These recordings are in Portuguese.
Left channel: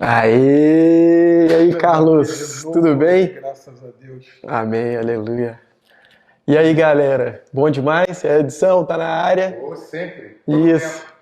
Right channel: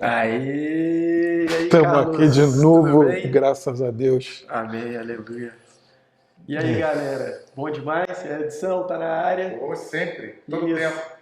Aê! E aí, Estamos aqui Carlos? de novo, Tudo bem? graças a Deus. Amém, aleluia. E aí, galera? Bom demais? A edição tá na área? Ô, sempre, todo Isso. tempo.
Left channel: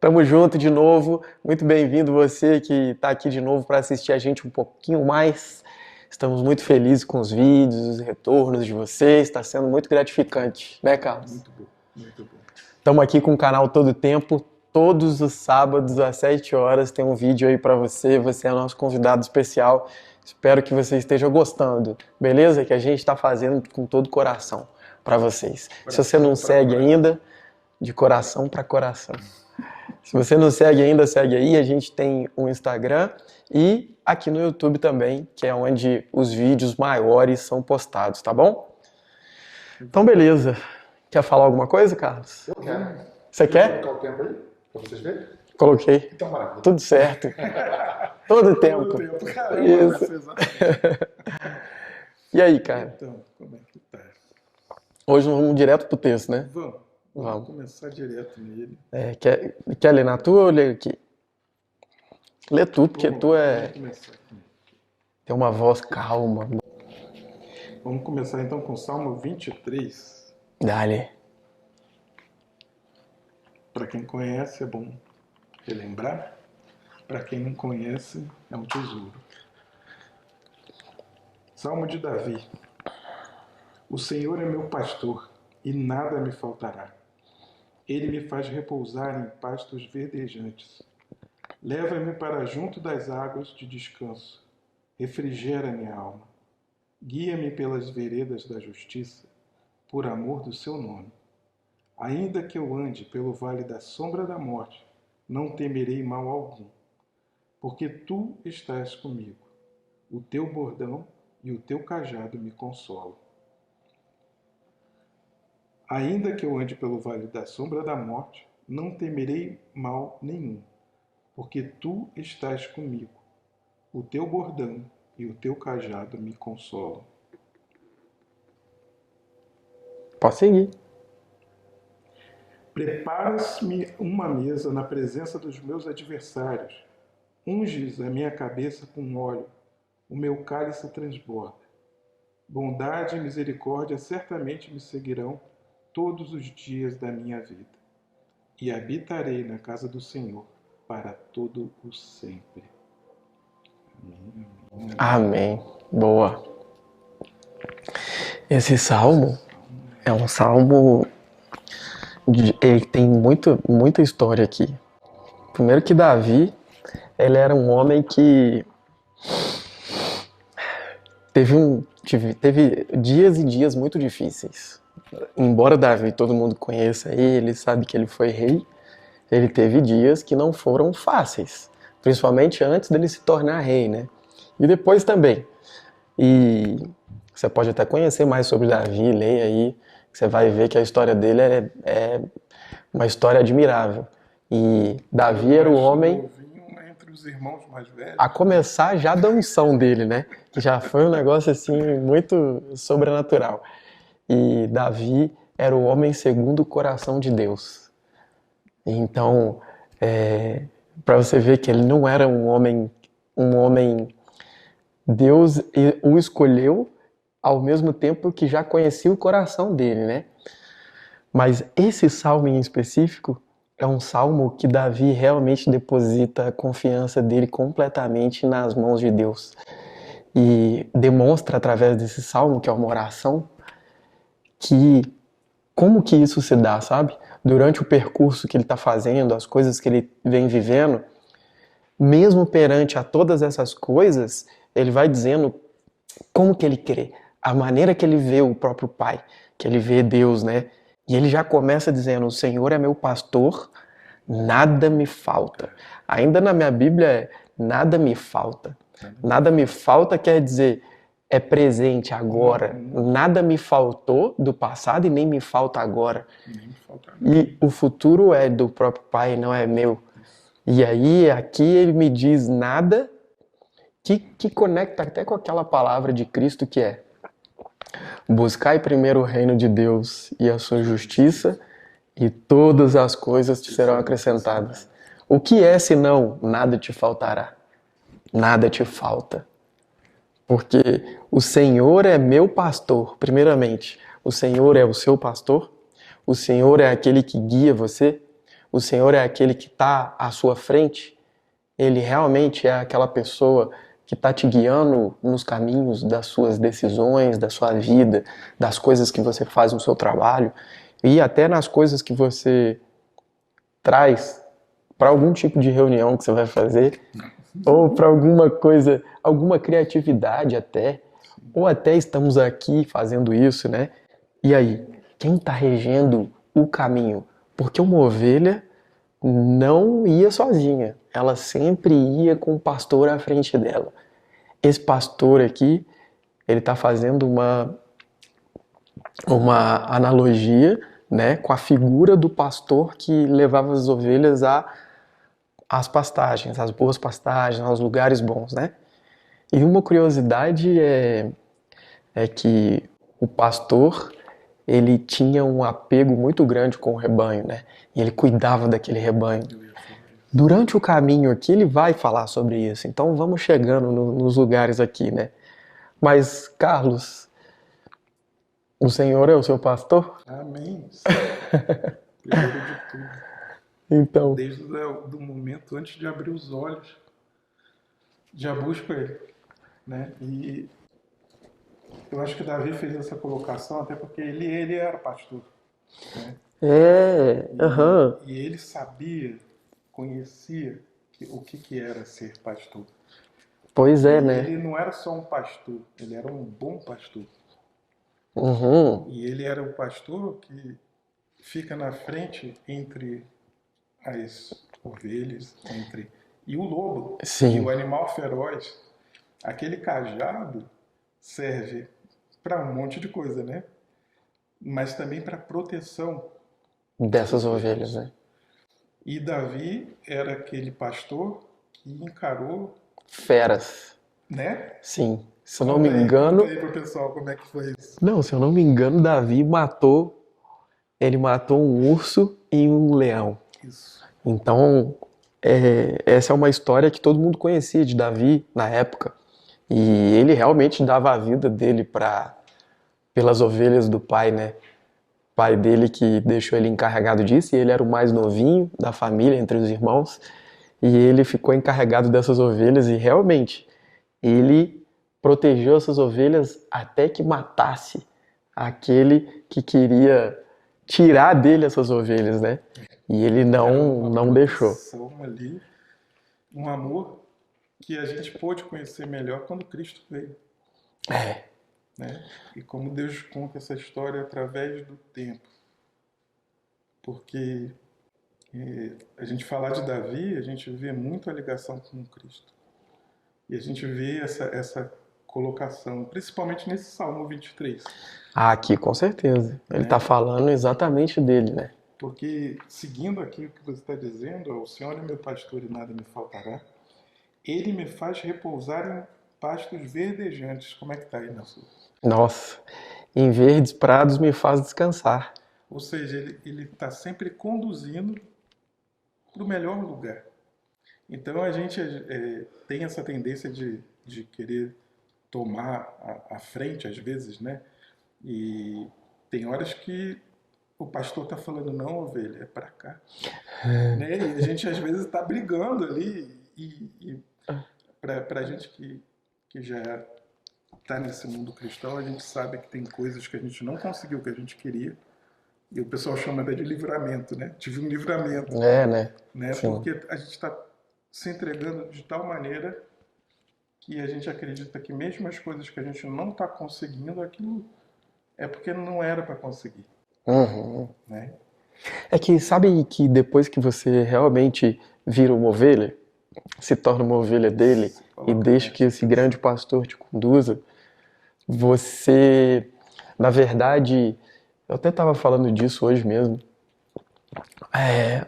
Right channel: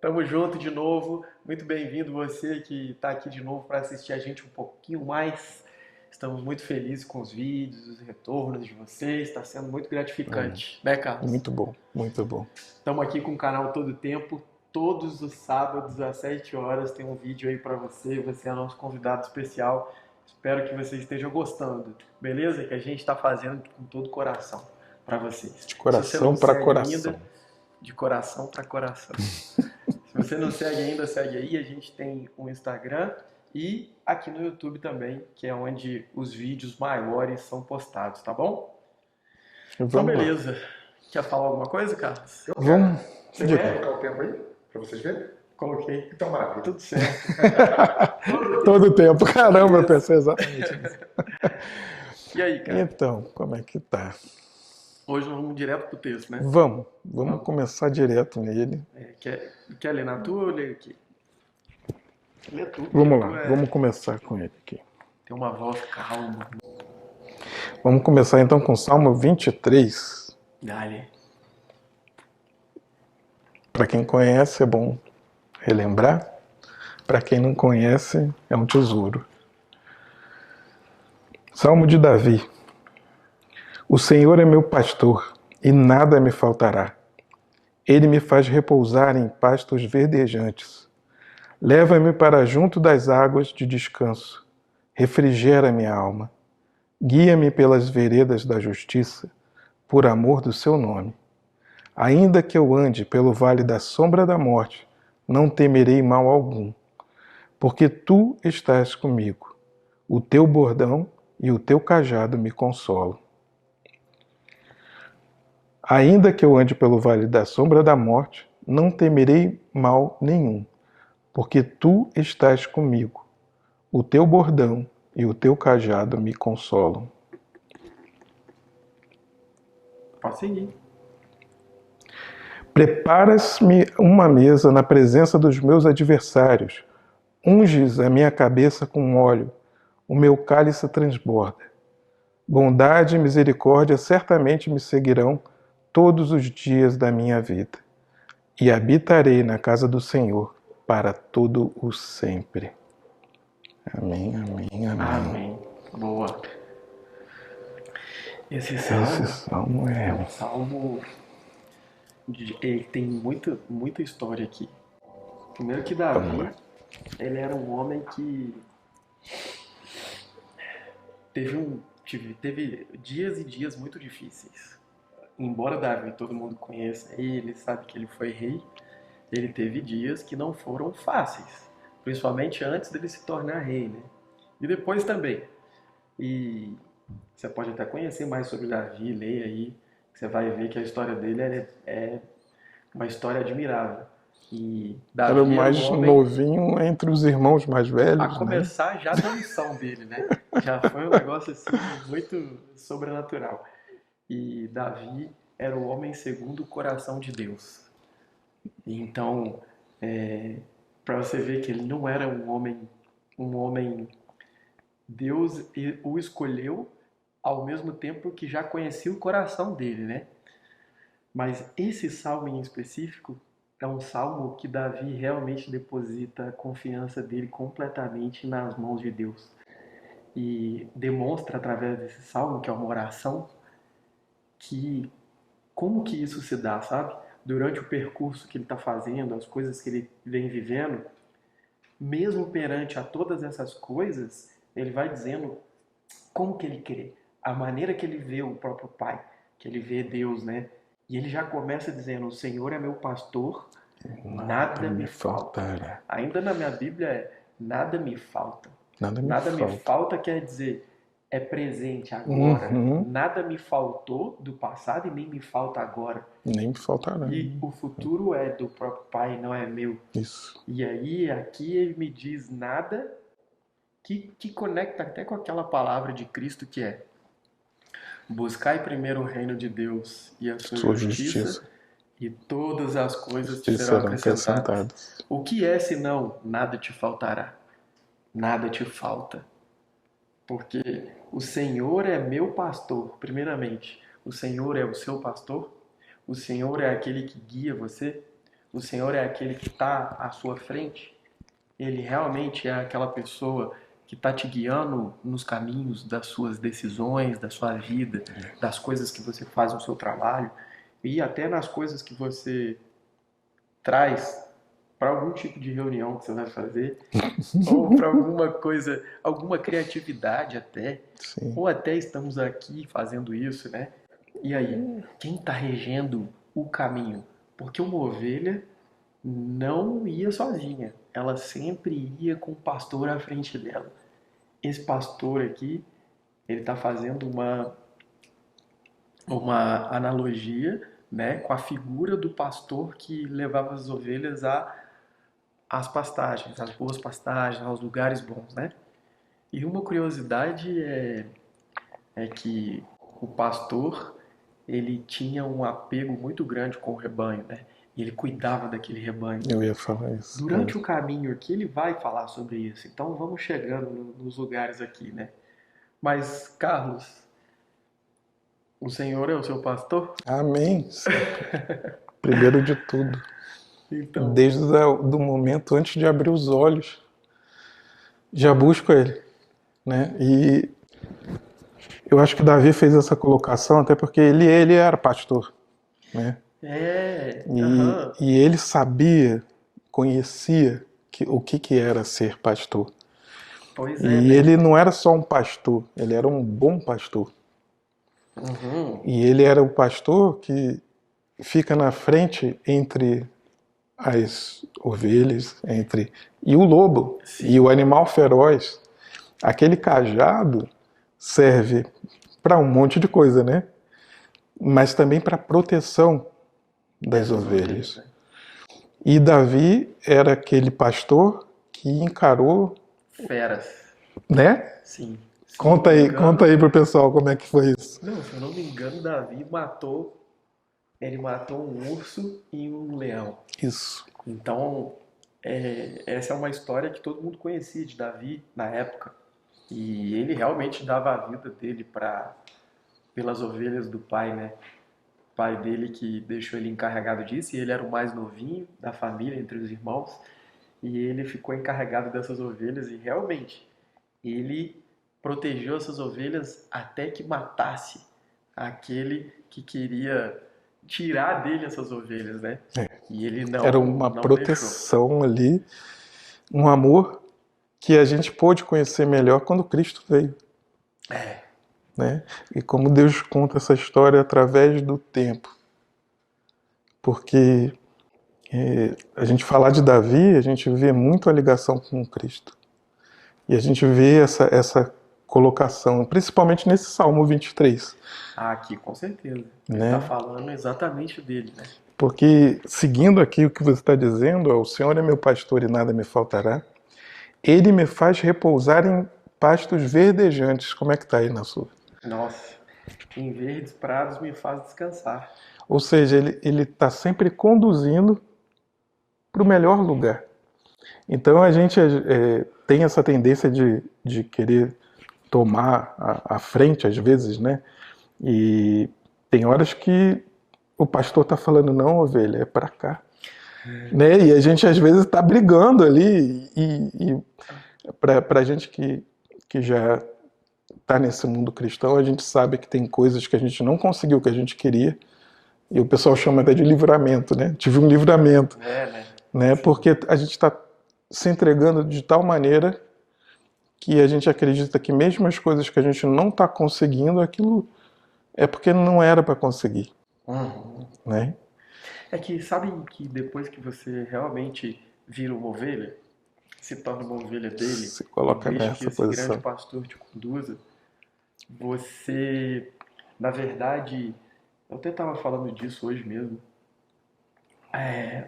Tamo junto de novo. Muito bem-vindo você que tá aqui de novo para assistir a gente um pouquinho mais. Estamos muito felizes com os vídeos, os retornos de vocês. Está sendo muito gratificante, né, Carlos? Muito bom, muito bom. Estamos aqui com o canal Todo Tempo. Todos os sábados às 7 horas tem um vídeo aí para você. Você é nosso convidado especial. Espero que você esteja gostando, beleza? Que a gente está fazendo com todo o coração para vocês. Coração Se você não pra segue coração. ainda, de coração para coração. Se você não segue ainda, segue aí. A gente tem o Instagram e aqui no YouTube também, que é onde os vídeos maiores são postados, tá bom? Então, beleza. Quer falar alguma coisa, Carlos? Vamos. Você Podia quer? colocar o tempo aí, pra vocês verem? Coloquei. Então, maravilha. Tudo certo. Todo tempo. Todo tempo, caramba, Isso. pensei exatamente. E aí, cara? Então, como é que tá? Hoje nós vamos direto pro texto, né? Vamos Vamos. começar direto nele. Quer ler na tua ou ler aqui? Lê tu, porque Vamos tu lá, vamos é... começar com ele aqui. tem uma voz calma. Vamos começar então com o Salmo 23. Dale. Para quem conhece, é bom relembrar. Para quem não conhece, é um tesouro. Salmo de Davi. O Senhor é meu pastor, e nada me faltará. Ele me faz repousar em pastos verdejantes. Leva-me para junto das águas de descanso. Refrigera minha alma. Guia-me pelas veredas da justiça, por amor do seu nome. Ainda que eu ande pelo vale da sombra da morte, não temerei mal algum, porque tu estás comigo. O teu bordão e o teu cajado me consolam. Ainda que eu ande pelo vale da sombra da morte, não temerei mal nenhum, porque tu estás comigo. O teu bordão e o teu cajado me consolam. Pode seguir. Preparas-me uma mesa na presença dos meus adversários. Unges a minha cabeça com óleo. O meu cálice transborda. Bondade e misericórdia certamente me seguirão todos os dias da minha vida. E habitarei na casa do Senhor para todo o sempre. Amém, amém, amém. Amém. Boa. Esse salmo Salmo é um salmo... ele tem muita história aqui. Primeiro que Davi, ele era um homem que teve dias e dias muito difíceis. Embora Davi todo mundo conheça ele, sabe que ele foi rei, ele teve dias que não foram fáceis, principalmente antes dele se tornar rei, né? E depois também. E você pode até conhecer mais sobre Davi, leia aí, você vai ver que a história dele é uma história admirável. E Era o Davi era mais um homem... novinho entre os irmãos mais velhos. A começar já da unção dele, né? Já foi um negócio assim muito sobrenatural. E Davi era o homem segundo o coração de Deus. Então, para você ver que ele não era um homem, Deus o escolheu ao mesmo tempo que já conhecia o coração dele, né? Mas esse salmo em específico é um salmo que Davi realmente deposita a confiança dele completamente nas mãos de Deus. E demonstra através desse salmo, que é uma oração, que como que isso se dá, sabe? Durante o percurso que ele está fazendo, as coisas que ele vem vivendo, mesmo perante a todas essas coisas, ele vai dizendo como que ele crê, a maneira que ele vê o próprio Pai, que ele vê Deus, né? E ele já começa dizendo, o Senhor é meu pastor, nada me falta. Ainda na minha Bíblia é, nada me falta. Nada me falta quer dizer, é presente agora. Nada me faltou do passado e nem me falta agora. Nem me falta nada. E o futuro é do próprio Pai, não é meu. Isso. E aí, aqui ele me diz nada que conecta até com aquela palavra de Cristo que é: buscai primeiro o reino de Deus e a sua justiça, e todas as coisas te serão acrescentadas. O que é senão nada te faltará? nada te falta. Porque o Senhor é meu pastor, primeiramente. O Senhor é o seu pastor? O Senhor é aquele que guia você? O Senhor é aquele que está à sua frente? Ele realmente é aquela pessoa que está te guiando nos caminhos das suas decisões, da sua vida, das coisas que você faz no seu trabalho e até nas coisas que você traz para algum tipo de reunião que você vai fazer ou para alguma coisa, alguma criatividade até, Sim. ou até estamos aqui fazendo isso, né? E aí, quem está regendo o caminho? Porque uma ovelha não ia sozinha, ela sempre ia com o pastor à frente dela. Esse pastor aqui, ele está fazendo uma analogia, né, com a figura do pastor que levava as ovelhas às pastagens, às boas pastagens, aos lugares bons, né? E uma curiosidade é que o pastor, ele tinha um apego muito grande com o rebanho, né? E ele cuidava daquele rebanho. Eu ia falar isso. Durante o caminho aqui, ele vai falar sobre isso. Então, vamos chegando nos lugares aqui, né? Mas, Carlos, o Senhor é o seu pastor? Amém. Primeiro de tudo. Então, Desde do momento antes de abrir os olhos, já busco Ele, né? E eu acho que Davi fez essa colocação até porque ele era pastor, né? E ele sabia, conhecia o que era ser pastor. Pois é, E né? ele não era só um pastor, ele era um bom pastor. Uhum. E ele era o pastor que fica na frente entre as ovelhas, e o lobo, Sim. e o animal feroz. Aquele cajado serve para um monte de coisa, né? Mas também para proteção Dessas ovelhas, né? E Davi era aquele pastor que encarou, Feras. né? Sim. Se eu Conta não me aí, engano, conta aí pro pessoal como é que foi isso. Não, se eu não me engano, Davi matou um urso e um leão. Isso. Então, essa é uma história que todo mundo conhecia de Davi na época. E ele realmente dava a vida dele pelas ovelhas do pai, né? O pai dele que deixou ele encarregado disso, e ele era o mais novinho da família, entre os irmãos. E ele ficou encarregado dessas ovelhas e realmente ele protegeu essas ovelhas até que matasse aquele que queria tirar dele essas ovelhas, né? E ele Era uma não deixou. proteção ali, um amor que a gente pôde conhecer melhor quando Cristo veio. Né? E como Deus conta essa história através do tempo. Porque a gente falar de Davi, a gente vê muito a ligação com Cristo. E a gente vê essa colocação, principalmente nesse Salmo 23. Ah, aqui, com certeza. Ele está falando exatamente dele, né? Porque, seguindo aqui o que você está dizendo, o Senhor é meu pastor e nada me faltará, Ele me faz repousar em pastos verdejantes. Como é que está aí na sua? Nossa, em verdes prados me faz descansar. Ou seja, ele está sempre conduzindo para o melhor lugar. Então a gente tem essa tendência de querer tomar a frente às vezes, né? E tem horas que o pastor está falando, não, ovelha, é para cá. Né? E a gente às vezes está brigando ali. E para a gente que já está nesse mundo cristão, a gente sabe que tem coisas que a gente não conseguiu, que a gente queria. E o pessoal chama até de livramento, né? Tive um livramento. Né? Porque a gente está se entregando de tal maneira que a gente acredita que mesmo as coisas que a gente não está conseguindo, aquilo é porque não era para conseguir. Né? É que sabe que depois que você realmente vira uma ovelha, se torna uma ovelha dele e deixa que esse grande pastor te conduza, você, na verdade, eu até estava falando disso hoje mesmo,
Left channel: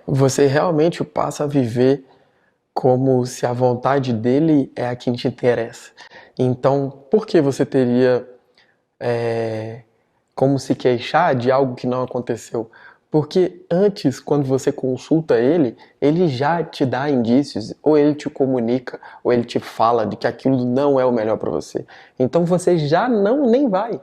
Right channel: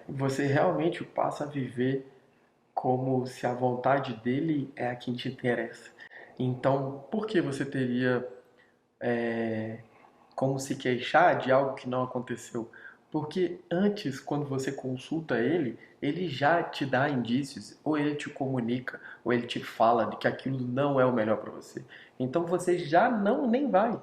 você realmente passa a viver como se a vontade dele é a que te interessa. Então, por que você teria como se queixar de algo que não aconteceu? Porque antes, quando você consulta ele, ele já te dá indícios, ou ele te comunica, ou ele te fala de que aquilo não é o melhor para você. Então você já não nem vai.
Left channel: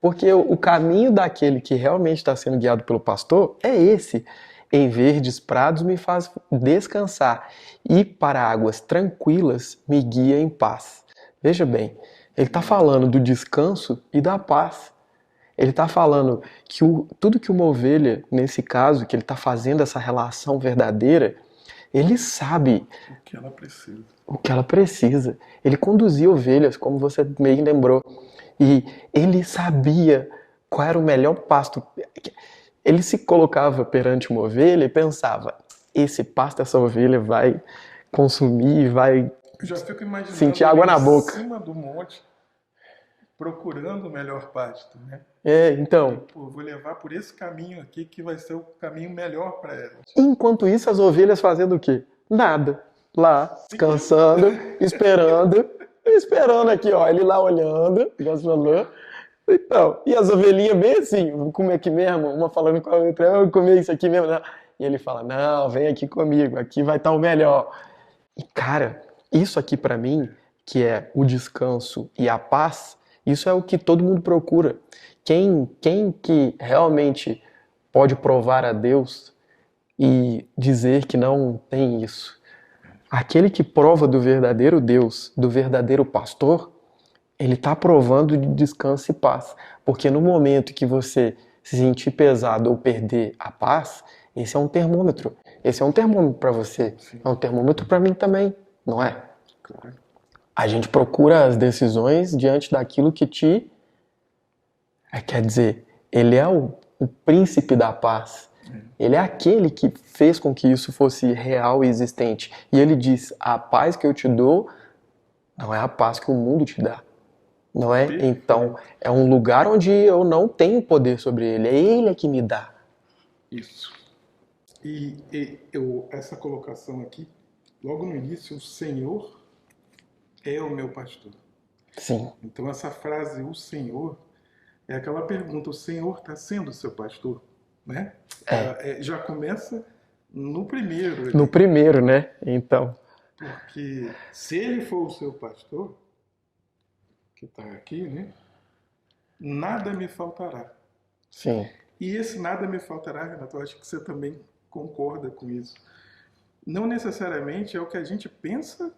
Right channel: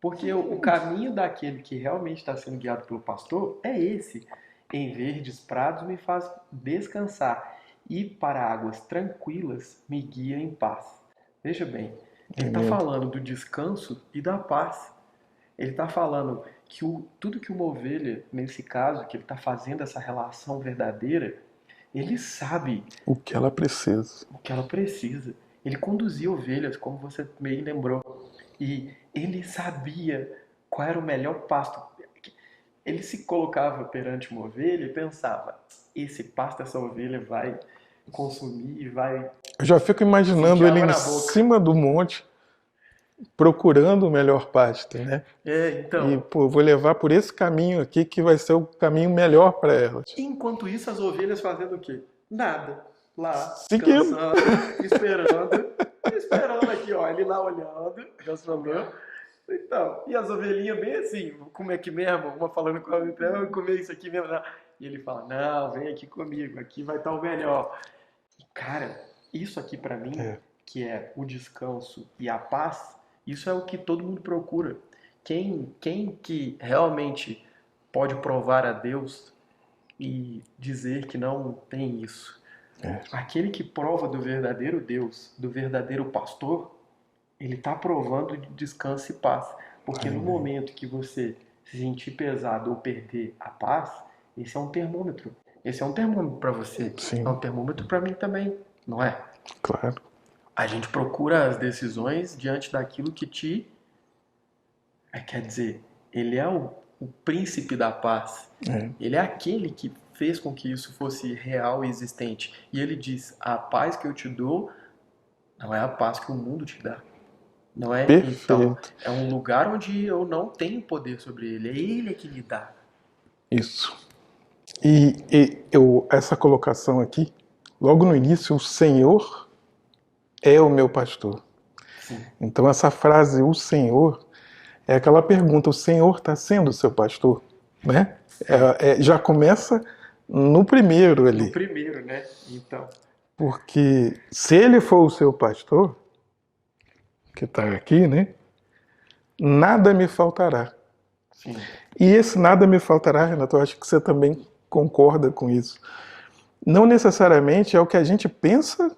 Porque o caminho daquele que realmente está sendo guiado pelo pastor é esse. Em verdes prados me faz descansar, e para águas tranquilas me guia em paz. Veja bem, ele está falando do descanso e da paz. Ele está falando que tudo que uma ovelha, nesse caso, que ele está fazendo essa relação verdadeira, ele sabe O que ela precisa. o que ela precisa. Ele conduzia ovelhas, como você bem lembrou. E ele sabia qual era o melhor pasto. Ele se colocava perante uma ovelha e pensava: esse pasto essa ovelha vai consumir, vai Eu já fico imaginando sentir ele água em na boca. cima do monte, procurando o melhor pasto, né? Então. E, pô, vou levar por esse caminho aqui que vai ser o caminho melhor para elas. Enquanto isso, as ovelhas fazendo o quê? Nada. Lá, Seguindo. descansando, esperando aqui, ó. Ele lá olhando, Deus falou. Então, e as ovelhinhas bem assim, como é que mesmo? Uma falando com a outra, eu vou comer isso aqui mesmo. Não. E ele fala, não, vem aqui comigo, aqui vai estar o melhor. E cara, isso aqui pra mim, que é o descanso e a paz, isso é o que todo mundo procura. Quem que realmente pode provar a Deus e dizer que não tem isso? Aquele que prova do verdadeiro Deus, do verdadeiro pastor, ele está provando de descanso e paz. Porque no momento que você se sentir pesado ou perder a paz, esse é um termômetro. Esse é um termômetro para você. Sim. É um termômetro para mim também, não é? Claro. A gente procura as decisões diante daquilo que te... Quer dizer, ele é o príncipe da paz. Ele é aquele que fez com que isso fosse real e existente. E ele diz, a paz que eu te dou não é a paz que o mundo te dá. Não é? Perfeito. Então, é um lugar onde eu não tenho poder sobre ele. É ele que me dá. Isso. E essa colocação aqui, logo no início, o Senhor é o meu pastor. Sim. Então essa frase, o Senhor, é aquela pergunta, o Senhor está sendo o seu pastor? Né? Já começa no primeiro ali. No primeiro, né? Então. Porque se ele for o seu pastor, que está aqui, né? Nada me faltará. Sim. E esse nada me faltará, Renato, eu acho que você também concorda com isso. Não necessariamente é o que a gente pensa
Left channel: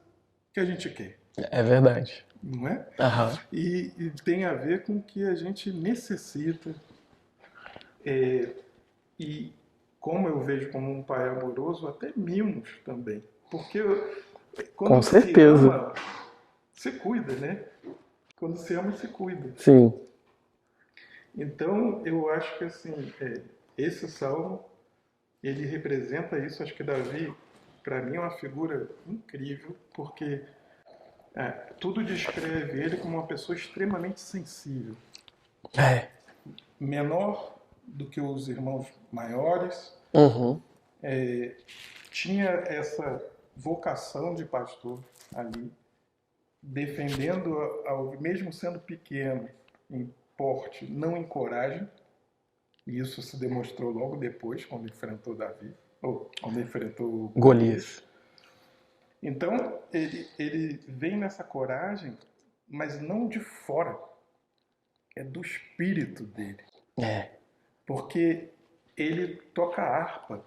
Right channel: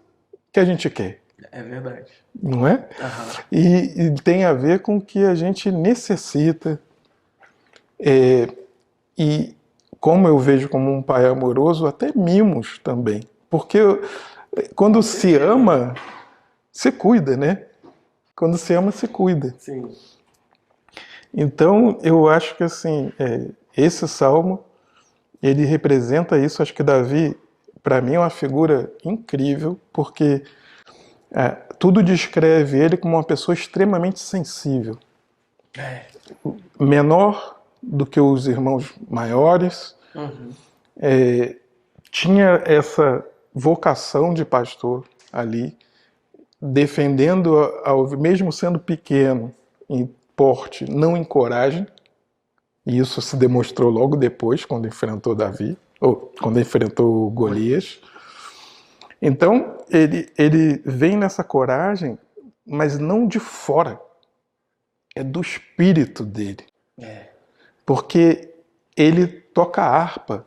que a gente quer. É verdade. Não é? Aham. E tem a ver com o que a gente necessita. E como eu vejo como um pai amoroso, até mimos também. Porque quando Com se certeza. ama, se cuida, né? Quando se ama, se cuida. Sim. Então, eu acho que assim, esse salmo, ele representa isso. Acho que Davi, para mim, é uma figura incrível, porque tudo descreve ele como uma pessoa extremamente sensível. Menor do que os irmãos maiores, Uhum. tinha essa vocação de pastor ali, defendendo, mesmo sendo pequeno em porte, não em coragem, e isso se demonstrou logo depois, quando enfrentou Davi, ou quando enfrentou Golias. Então, ele vem nessa coragem, mas não de fora, é do espírito dele. Porque ele toca a harpa,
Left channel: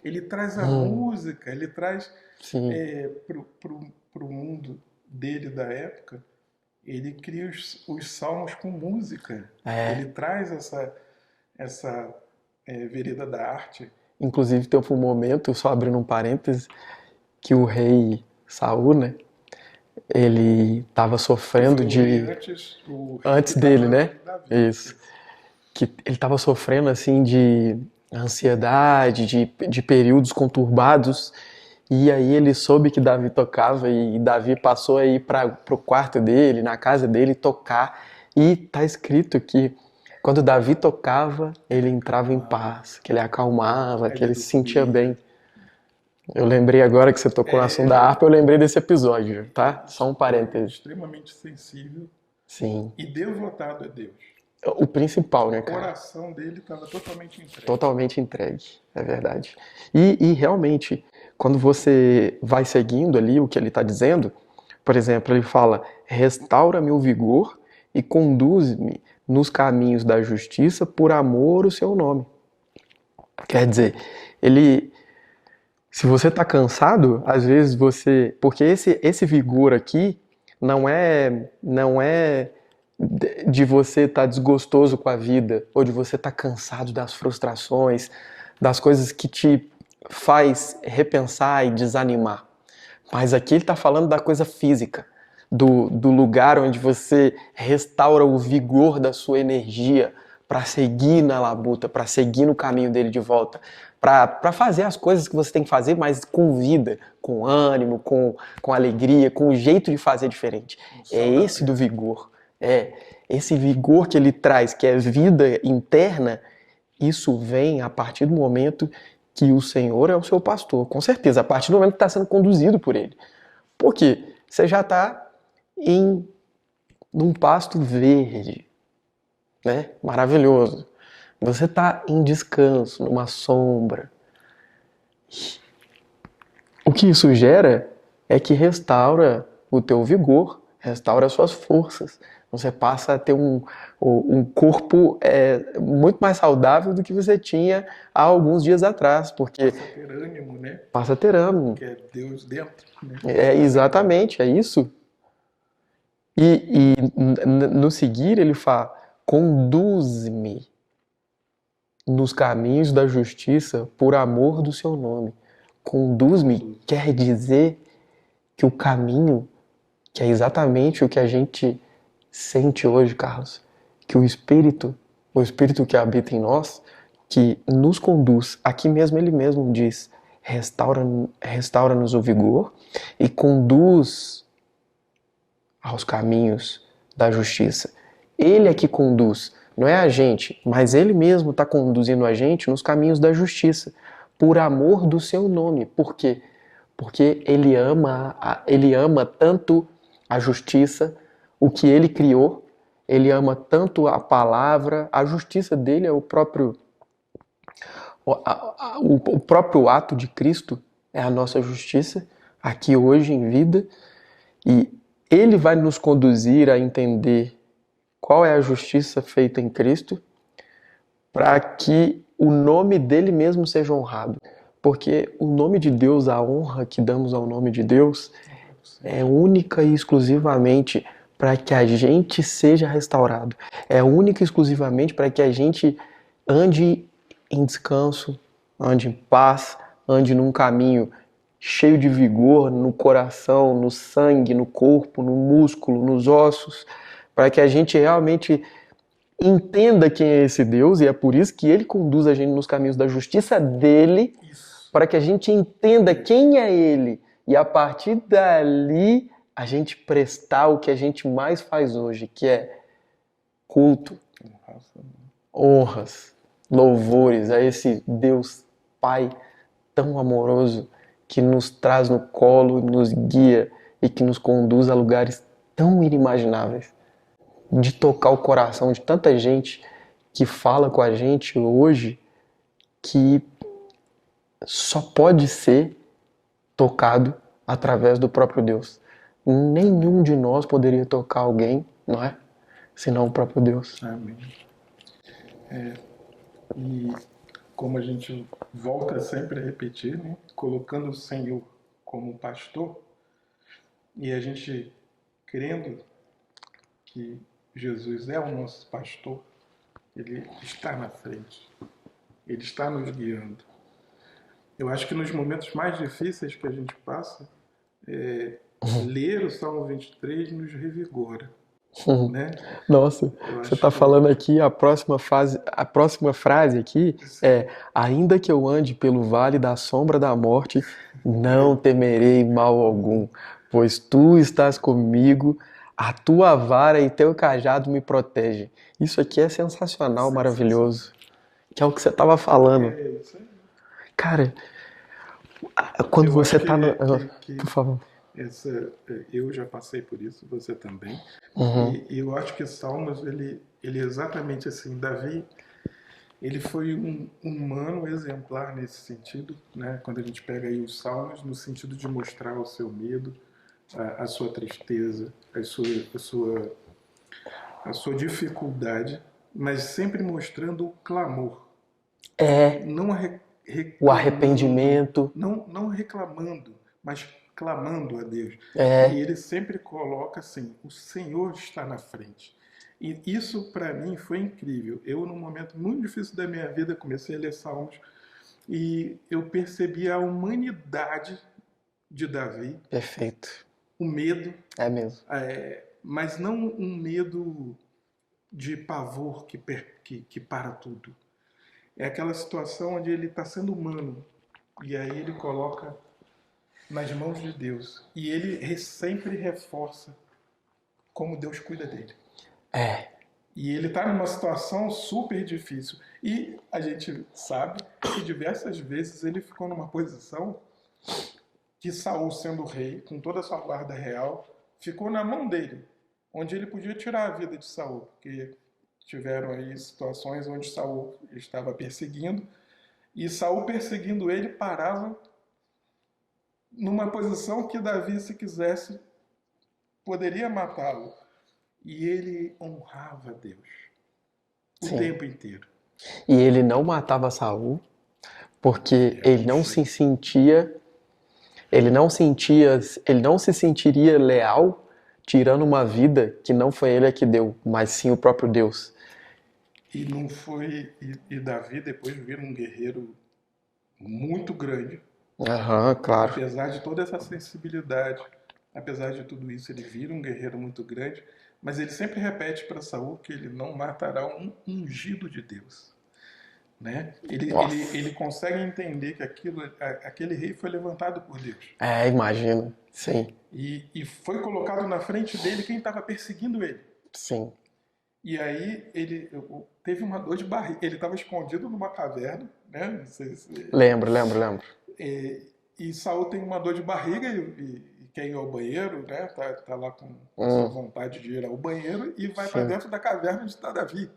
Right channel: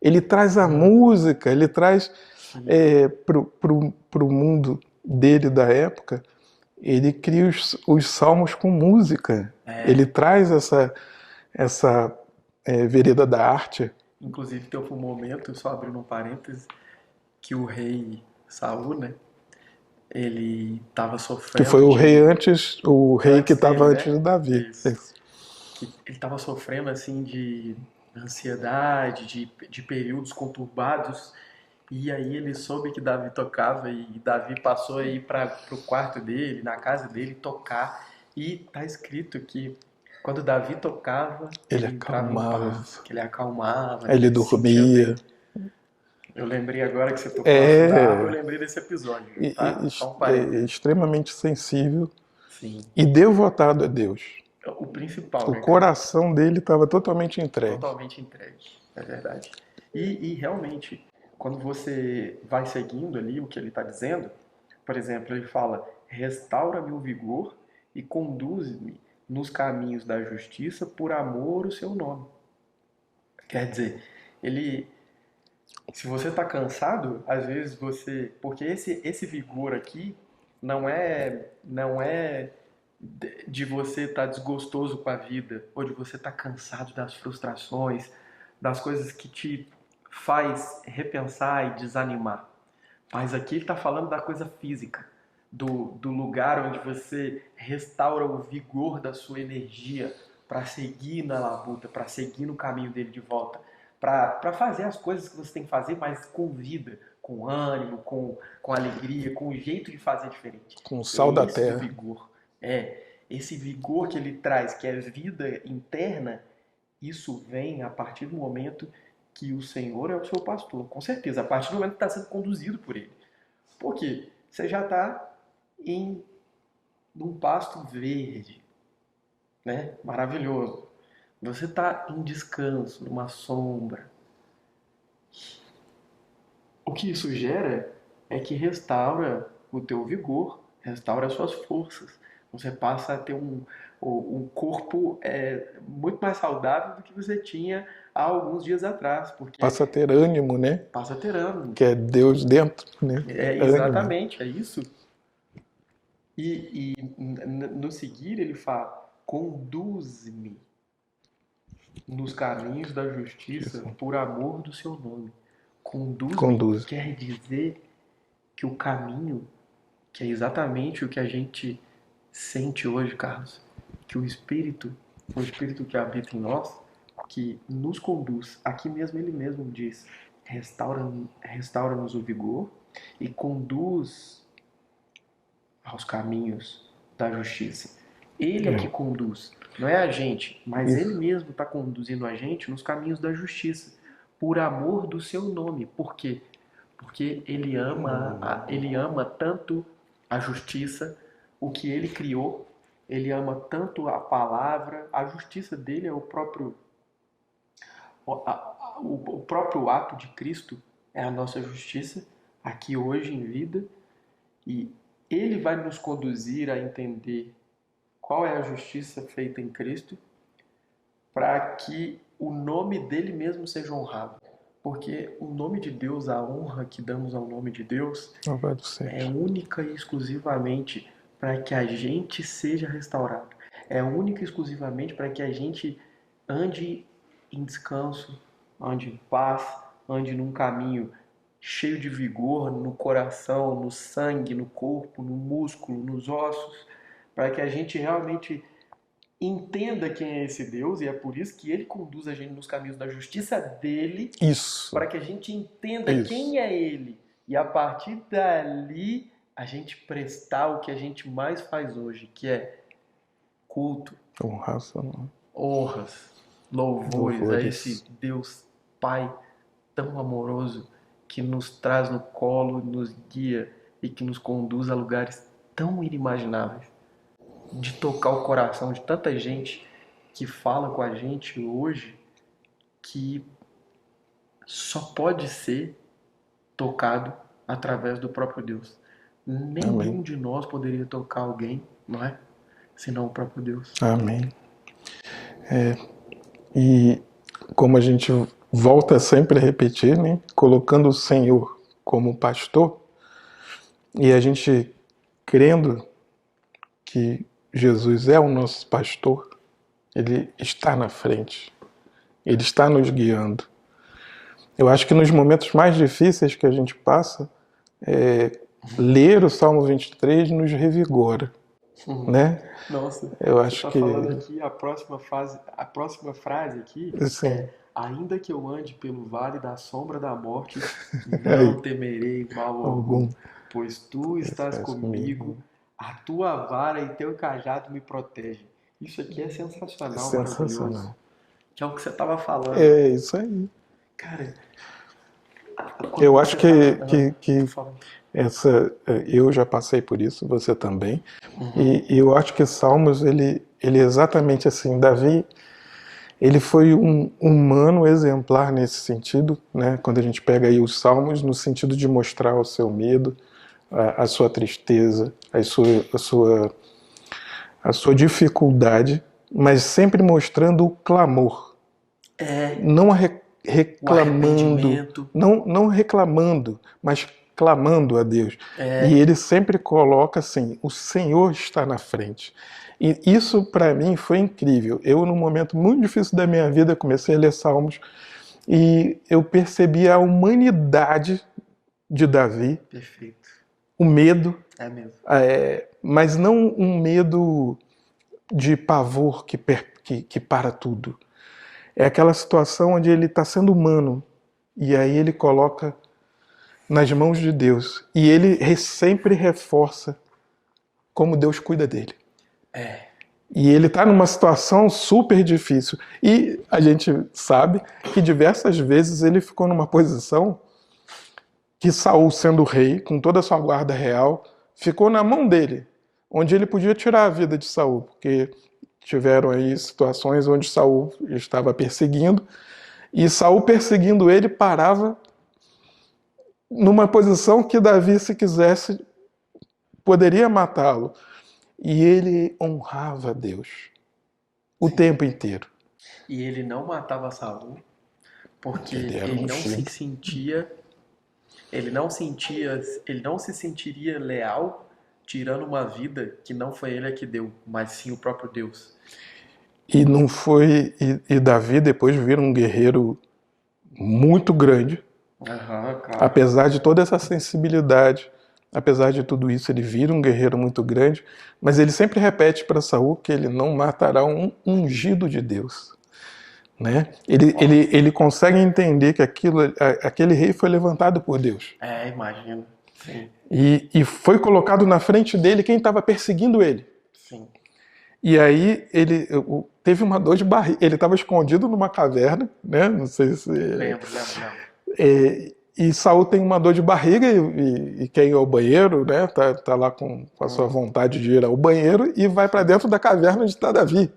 ele traz a música, ele traz para o mundo dele da época, ele cria os salmos com música. Ele traz essa vereda da arte. Inclusive, teve um momento, só abrindo um parêntese, que o rei Saul, né? Ele estava Que sofrendo foi o de... rei antes, o rei antes que dele, estava né? antes de Davi. Isso. Que ele estava sofrendo, assim, de ansiedade, de períodos conturbados. E aí ele soube que Davi tocava e Davi passou a ir para o quarto dele, na casa dele, tocar. E tá escrito que quando Davi tocava, ele entrava em paz, que ele acalmava, que ele se sentia bem. Eu lembrei agora que você tocou no assunto da harpa, eu lembrei desse episódio, tá? Só um parênteses. Extremamente sensível Sim. e devotado a Deus. O principal, O né, cara? coração dele estava totalmente entregue. Totalmente entregue, é verdade. E realmente, quando você vai seguindo ali o que ele está dizendo, por exemplo, ele fala: restaura-me o vigor e conduz-me nos caminhos da justiça por amor ao seu nome. Quer dizer, ele, se você está cansado, às vezes você, porque esse vigor aqui não é de você estar desgostoso com a vida ou de você estar cansado das frustrações, das coisas que te faz repensar e desanimar. Mas aqui ele está falando da coisa física, do lugar onde você restaura o vigor da sua energia para seguir na labuta, para seguir no caminho dele de volta, para fazer as coisas que você tem que fazer, mas com vida, com ânimo, com alegria, com um jeito de fazer diferente. Com o É sal da esse do terra. vigor. É esse vigor que ele traz, que é vida interna, isso vem a partir do momento que o Senhor é o seu pastor, com certeza, a partir do momento que está sendo conduzido por ele. Por quê? Você já está num pasto verde, né? Maravilhoso. Você está em descanso, numa sombra. O que isso gera é que restaura o teu vigor, restaura as suas forças. Você passa a ter um corpo muito mais saudável do que você tinha há alguns dias atrás, porque Passa a ter ânimo, né? passa a ter ânimo. Que é Deus dentro, né? Exatamente, é isso. E no seguir ele fala: conduz-me nos caminhos da justiça por amor do seu nome. Conduz-me Conduz. quer dizer que o caminho, que é exatamente o que a gente sente hoje, Carlos, que o Espírito que habita em nós, que nos conduz, aqui mesmo ele mesmo diz: restaura-nos o vigor e conduz aos caminhos da justiça. Ele é que conduz, não é a gente, mas ele mesmo está conduzindo a gente nos caminhos da justiça, por amor do seu nome. Por quê? Porque ele ama tanto a justiça, o que ele criou, ele ama tanto a palavra, a justiça dele é o próprio ato de Cristo, é a nossa justiça, aqui hoje em vida, e ele vai nos conduzir a entender qual é a justiça feita em Cristo, para que o nome dele mesmo seja honrado. Porque o nome de Deus, a honra que damos ao nome de Deus, Louvado seja. é única e exclusivamente para que a gente seja restaurado. É única e exclusivamente para que a gente ande em descanso, ande em paz, ande num caminho cheio de vigor no coração, no sangue, no corpo, no músculo, nos ossos, para que a gente realmente entenda quem é esse Deus, e é por isso que ele conduz a gente nos caminhos da justiça dele, Isso. para que a gente entenda Isso. quem é ele, e a partir dali a gente prestar o que a gente mais faz hoje, que é culto, honras, louvores a esse Deus Pai tão amoroso, que nos traz no colo, nos guia e que nos conduz a lugares tão inimagináveis, de tocar o coração de tanta gente que fala com a gente hoje, que só pode ser tocado através do próprio Deus. Nenhum de nós poderia tocar alguém, não é? Senão o próprio Deus. Amém. E como a gente volta sempre a repetir, né? Colocando o Senhor como pastor, e a gente crendo que Jesus é o nosso pastor, ele está na frente, ele está nos guiando. Eu acho que nos momentos mais difíceis que a gente passa, ler o Salmo 23 nos revigora, né? Nossa, Eu você acho está que- falando aqui, a próxima frase aqui Sim. é: ainda que eu ande pelo vale da sombra da morte, não temerei mal algum, pois tu estás comigo, a tua vara e teu cajado me protegem. Isso aqui é sensacional, maravilhoso. Que é o que você estava falando. É isso aí. Cara, quando Eu você acho tá no... que Por favor. Eu já passei por isso, você também. Uhum. E eu acho que Salmos, ele é exatamente assim. Davi, ele foi um humano exemplar nesse sentido, né? Quando a gente pega aí os Salmos, no sentido de mostrar o seu medo, a sua tristeza, a sua dificuldade, mas sempre mostrando o clamor, É não o reclamando, arrependimento. não reclamando, mas clamando a Deus. E É, ele sempre coloca assim: o Senhor está na frente. E isso para mim foi incrível. Eu, num momento muito difícil da minha vida, comecei a ler Salmos e eu percebi a humanidade de Davi, perfeito. o medo, É mesmo. mas não um medo de pavor que para tudo. É aquela situação onde ele está sendo humano e aí ele coloca nas mãos de Deus e ele sempre reforça como Deus cuida dele. É, E ele está numa situação super difícil. E a gente sabe que diversas vezes ele ficou numa posição que Saul, sendo rei, com toda a sua guarda real, ficou na mão dele, onde ele podia tirar a vida de Saul, porque tiveram aí situações onde Saul estava perseguindo, e Saul perseguindo ele parava numa posição que Davi, se quisesse, poderia matá-lo. E ele honrava Deus o sim. tempo inteiro. E ele não matava Saul porque Ele era ele não se ungido. sentia, ele não se sentiria leal tirando uma vida que não foi ele que deu, mas sim o próprio Deus. E não foi. E Davi depois vira um guerreiro muito grande, Aham, claro. apesar de toda essa sensibilidade, apesar de tudo isso, ele vira um guerreiro muito grande, mas ele sempre repete para Saul que ele não matará um ungido de Deus. Né? Nossa. Ele consegue entender que aquele rei foi levantado por Deus. É, imagina. Sim, E foi colocado na frente dele quem estava perseguindo ele. sim. E aí teve uma dor de barriga. Ele estava escondido numa caverna, né? Não sei se. Lembro. E Saul tem uma dor de barriga e quer ir ao banheiro, né? Tá lá com a sua vontade de ir ao banheiro e vai para Sim. dentro da caverna onde está Davi.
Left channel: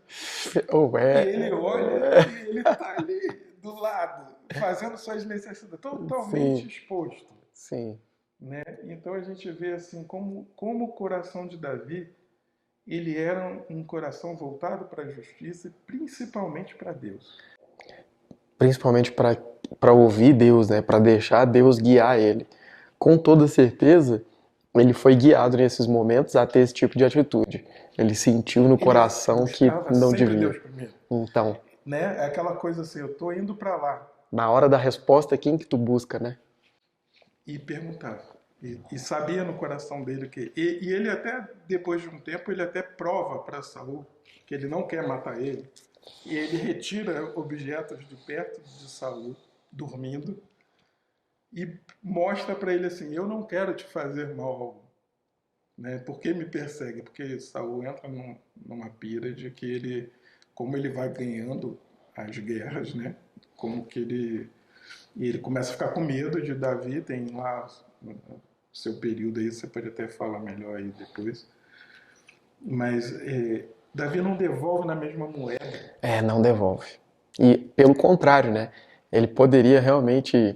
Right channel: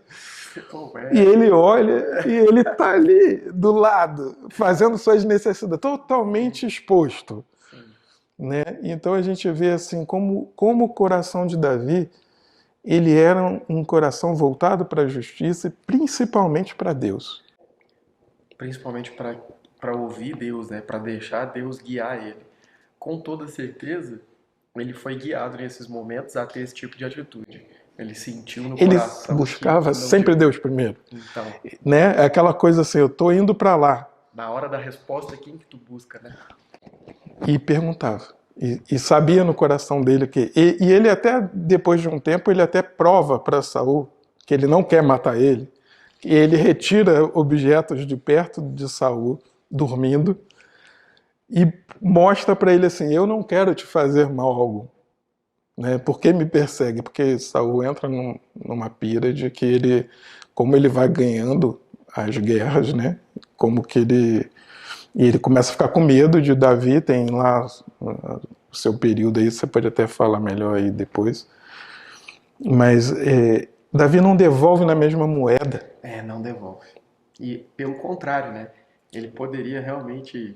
Oh, E é. ele olha e ele tá ali do lado, fazendo suas necessidades, totalmente Sim, exposto, sim. né? Então a gente vê assim como o coração de Davi, ele era um coração voltado para a justiça e principalmente para Deus. Principalmente para ouvir Deus, né? Para deixar Deus guiar ele. Com toda certeza, ele foi guiado nesses momentos a ter esse tipo de atitude. Ele sentiu no Ele coração que buscava não sempre devia. Deus primeiro, Então, né? Aquela coisa assim, eu tô indo para lá na hora da resposta, quem que tu busca, né? e perguntava. E sabia no coração dele que e ele até depois de um tempo ele até prova para Saul que ele não quer matar ele. E ele retira objetos de perto de Saul dormindo e mostra para ele assim: eu não quero te fazer mal algum, né? Por que me persegue? Porque Saul entra numa pira de que ele, como ele vai ganhando as guerras, né? Como que ele começa a ficar com medo de Davi, tem lá o seu período aí, você pode até falar melhor aí depois. Mas Davi não devolve na mesma moeda. É, não devolve. E pelo contrário, né? Ele poderia realmente.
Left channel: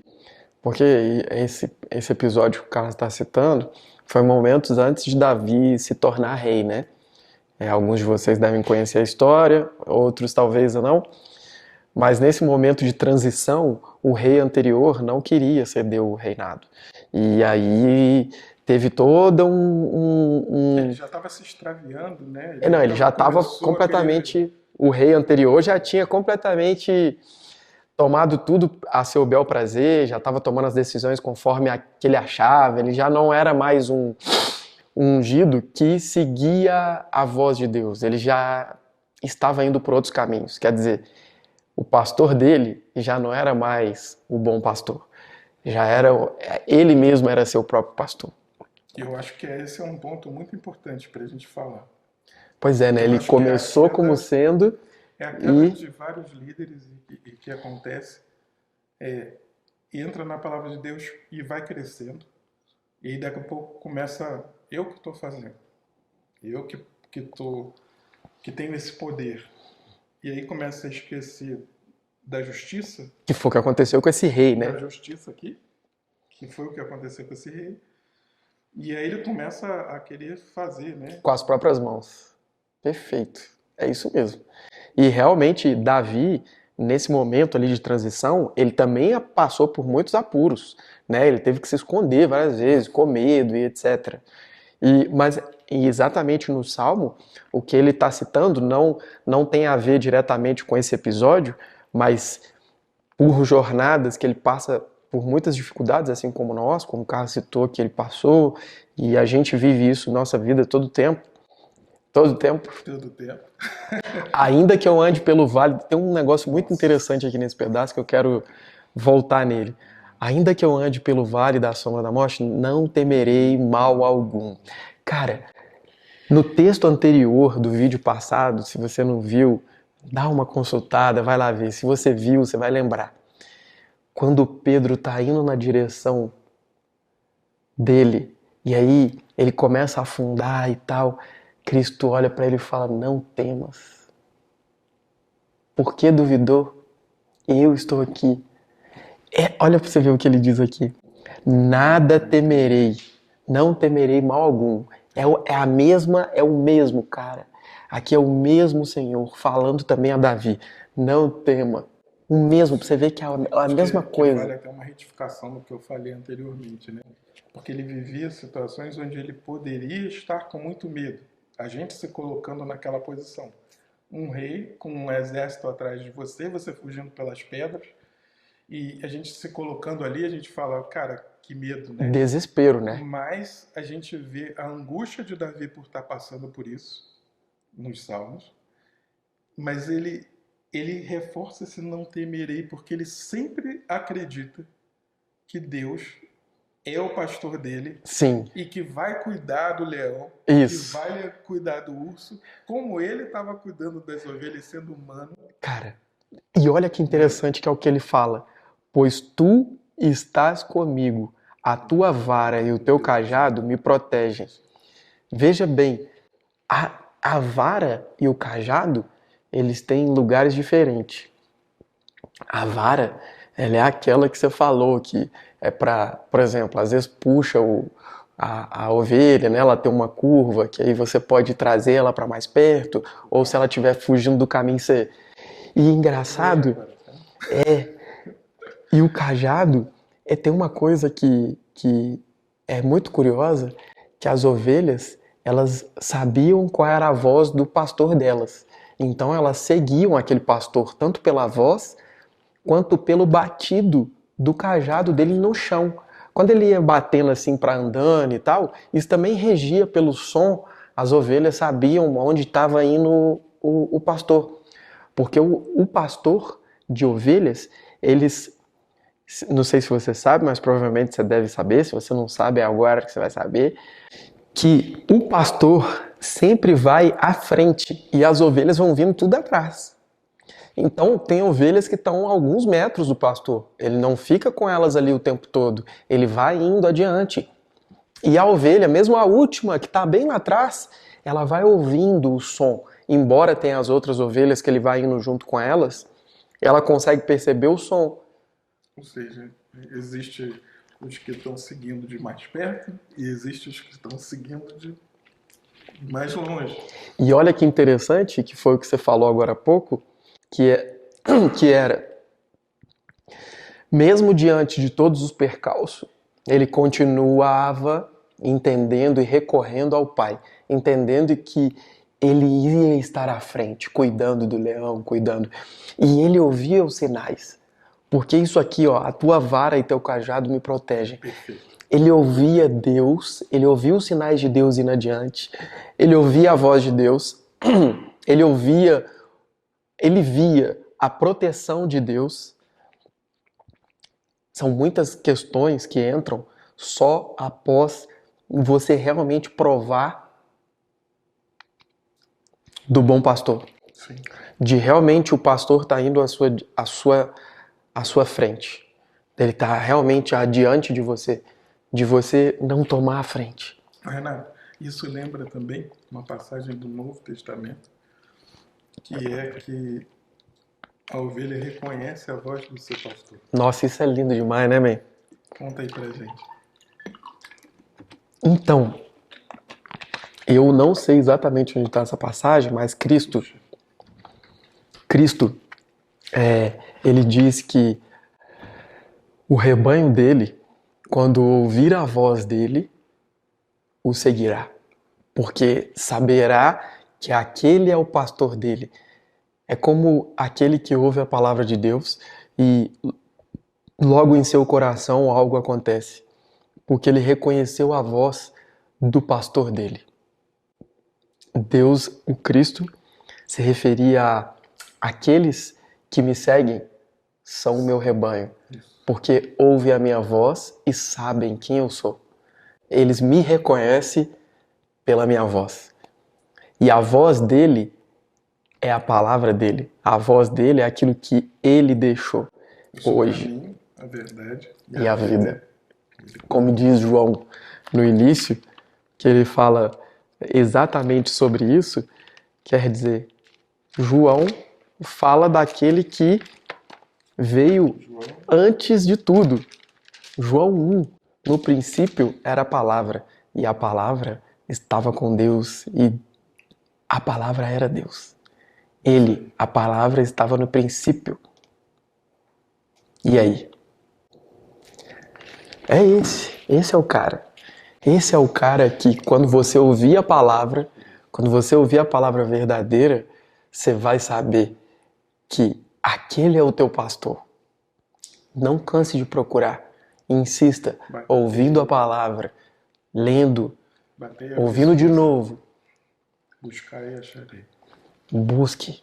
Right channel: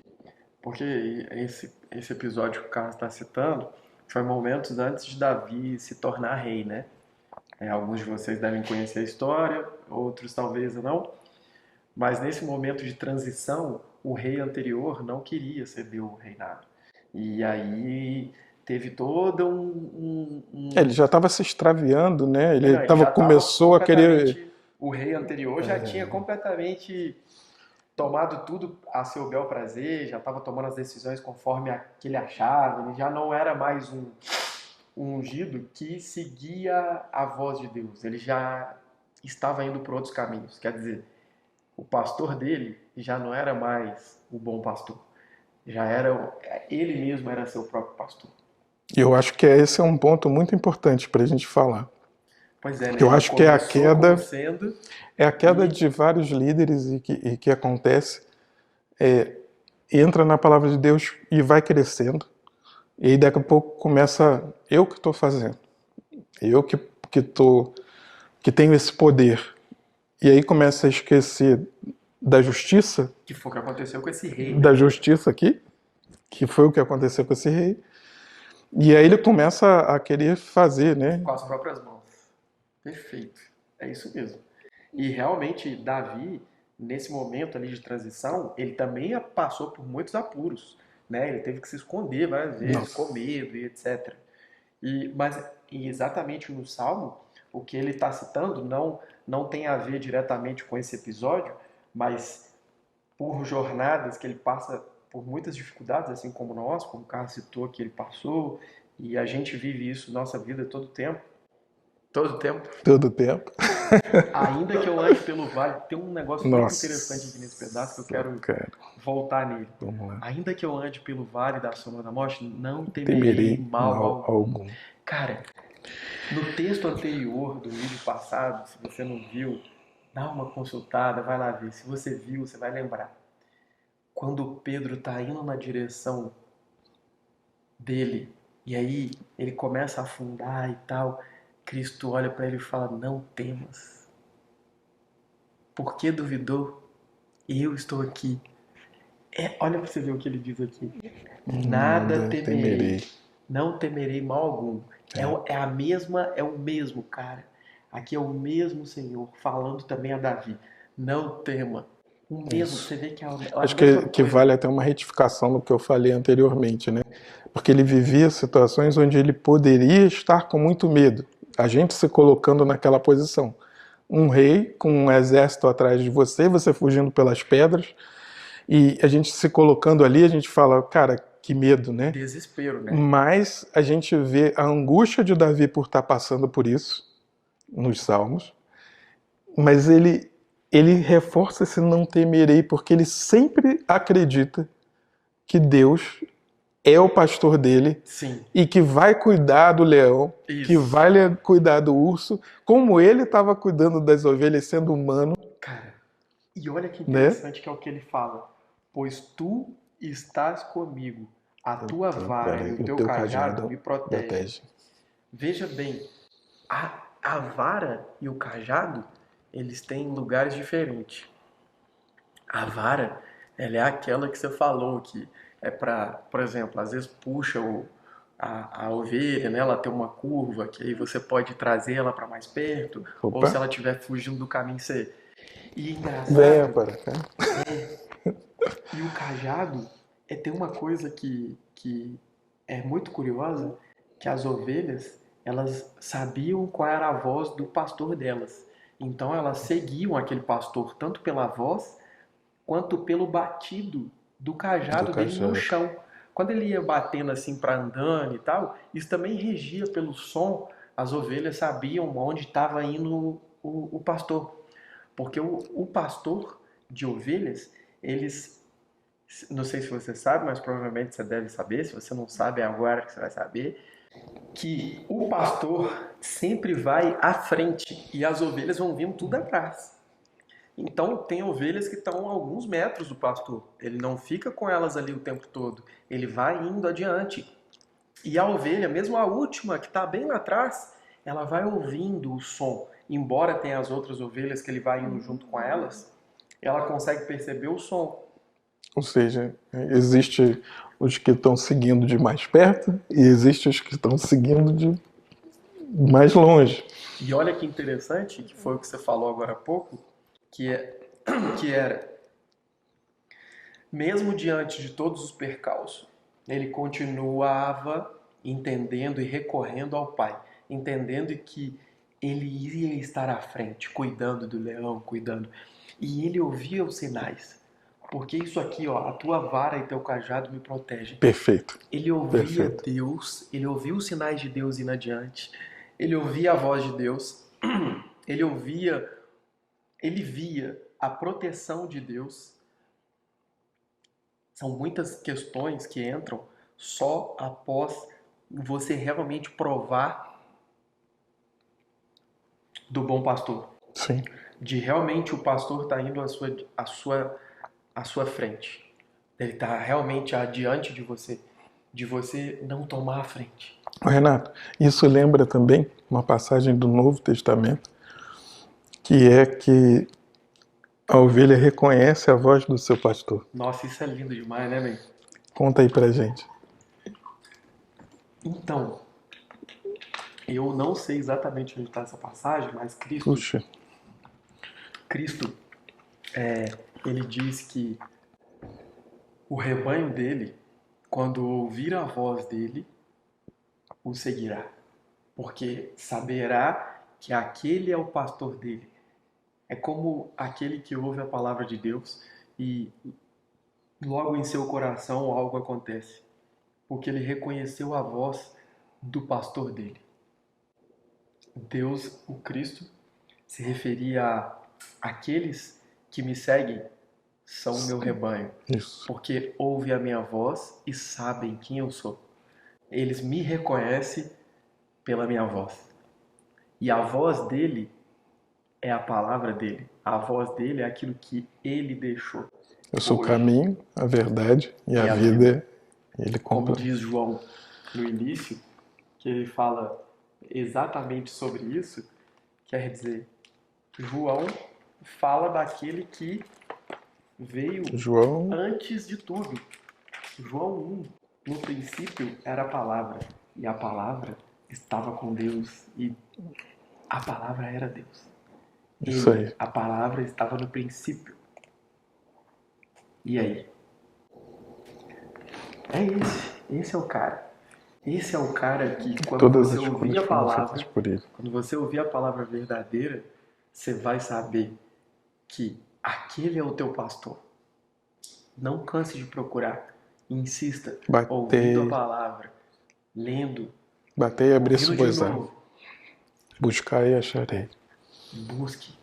Porque esse episódio que o Carlos está citando foi momentos antes de Davi se tornar rei, né? Alguns de vocês devem conhecer a história, outros talvez não. Mas nesse momento de transição, o rei anterior não queria ceder o reinado. E aí teve todo Ele já estava se extraviando, né? Ele já estava Começou a querer. completamente. O rei anterior já tinha completamente tomado tudo a seu bel prazer, já estava tomando as decisões conforme que ele achava, ele já não era mais um ungido que seguia a voz de Deus, ele já estava indo por outros caminhos. Quer dizer, o pastor dele já não era mais o bom pastor, já era ele mesmo era seu próprio pastor. E eu acho que esse é um ponto muito importante para a gente falar. Pois é, né? Eu Ele acho que é a começou queda, como sendo de vários líderes e que acontece, entra na palavra de Deus e vai crescendo, E aí daqui a pouco começa eu que estou fazendo. Eu que tenho esse poder. E aí começa a esquecer da justiça, Que foi o que aconteceu com esse rei, né? da justiça aqui, que foi o que aconteceu com esse rei. E aí ele começa a querer fazer, né? Com as próprias mãos. Perfeito. É isso mesmo. E realmente, Davi, nesse momento ali de transição, ele também passou por muitos apuros, né? Ele teve que se esconder várias vezes, com medo e etc. Mas exatamente no Salmo, o que ele está citando não tem a ver diretamente com esse episódio, mas por jornadas que ele passa por muitas dificuldades, assim como nós, como o Carlos citou que ele passou, e a gente vive isso nossa vida todo tempo. Todo tempo. Todo tempo. Ainda que eu ande pelo vale, tem um negócio muito Nossa. interessante aqui nesse pedaço que eu quero voltar nele. Ainda que eu ande pelo vale da sombra da morte, não temerei mal algum. Cara, no texto anterior do vídeo passado, se você não viu, dá uma consultada, vai lá ver. Se você viu, você vai lembrar. Quando Pedro está indo na direção dele, e aí ele começa a afundar e tal, Cristo olha para ele e fala, não temas. Por que duvidou? Eu estou aqui. Olha para você ver o que ele diz aqui. Nada temerei. Não temerei mal algum. É o mesmo, cara. Aqui é o mesmo Senhor falando também a Davi. Não tema. O mesmo, pra você ver que é a Acho mesma que coisa. vale até uma retificação no que eu falei anteriormente, né? Porque ele vivia situações onde ele poderia estar com muito medo. A gente se colocando naquela posição. Um rei com um exército atrás de você, você fugindo pelas pedras, e a gente se colocando ali, a gente fala, cara, que medo, né? Desespero, né? Mas a gente vê a angústia de Davi por estar passando por isso nos Salmos, mas ele reforça esse não temerei, porque ele sempre acredita que Deus é o pastor dele. Sim. E que vai cuidar do leão, Isso. que vai cuidar do urso, como ele estava cuidando das ovelhas sendo humano. Cara, e olha que interessante que é o que ele fala. Pois tu estás comigo, a tua vara e o teu cajado me protegem. Veja bem, a vara e o cajado, eles têm lugares diferentes. A vara, ela é aquela que você falou, que é para, por exemplo, às vezes puxa a ovelha, né? Ela tem uma curva, que aí você pode trazer ela para mais perto, ou se ela estiver fugindo do caminho, você... E engraçado, e o cajado, tem uma coisa que é muito curiosa, que as ovelhas, elas sabiam qual era a voz do pastor delas. Então elas seguiam aquele pastor, tanto pela voz, quanto pelo batido do cajado dele no chão. Quando ele ia batendo assim para andando e tal, isso também regia pelo som, as ovelhas sabiam onde estava indo o pastor. Porque o pastor de ovelhas, eles, não sei se você sabe, mas provavelmente você deve saber, se você não sabe, é agora que você vai saber, que o pastor sempre vai à frente e as ovelhas vão vindo tudo atrás. Então, tem ovelhas que estão a alguns metros do pastor. Ele não fica com elas ali o tempo todo. Ele vai indo adiante. E a ovelha, mesmo a última, que está bem lá atrás, ela vai ouvindo o som. Embora tenha as outras ovelhas que ele vai indo junto com elas, ela consegue perceber o som. Ou seja, existe os que estão seguindo de mais perto e existe os que estão seguindo de mais longe. E olha que interessante, que foi o que você falou agora há pouco, que era, mesmo diante de todos os percalços, ele continuava entendendo e recorrendo ao Pai, entendendo que ele ia estar à frente, cuidando do leão, cuidando. E ele ouvia os sinais. Porque isso aqui, ó, a tua vara e teu cajado me protegem. Perfeito. Ele ouvia Deus, ele ouvia os sinais de Deus indo adiante, ele ouvia a voz de Deus, ele via a proteção de Deus. São muitas questões que entram só após você realmente provar do bom pastor. Sim. De realmente o pastor estar indo à sua frente. Ele está realmente adiante de você, de você não tomar a frente. Renato, isso lembra também uma passagem do Novo Testamento, que é que a ovelha reconhece a voz do seu pastor. Nossa, isso é lindo demais, né, man? Conta aí pra gente. Então, eu não sei exatamente onde está essa passagem, mas Puxa, Cristo, ele diz que o rebanho dele, quando ouvir a voz dele, o seguirá, porque saberá que aquele é o pastor dele. É como aquele que ouve a palavra de Deus e logo em seu coração algo acontece, porque ele reconheceu a voz do pastor dele. Deus, o Cristo, se referia a aqueles que me seguem são o meu rebanho, isso. porque ouvem a minha voz e sabem quem eu sou. Eles me reconhecem pela minha voz. E a voz dele é a palavra dele. A voz dele é aquilo que ele deixou. Eu sou hoje. o caminho, a verdade e a a vida. Ele Como conta. diz João no início, que ele fala exatamente sobre isso, quer dizer, João fala daquele que veio João, antes de tudo. João 1, no princípio era a palavra, e a palavra estava com Deus, e a palavra era Deus. Isso Ele, aí. a palavra estava no princípio. E aí? É esse é o cara. Esse é o cara que quando Todas você as ouvir a coisas foram palavra, feitas por ele. quando você ouvir a palavra verdadeira, você vai saber que aquele é o teu pastor. Não canse de procurar. Insista, Batei. ouvindo a palavra, lendo, Batei e abri ouvindo de suas novo. Buscar e acharei. Busque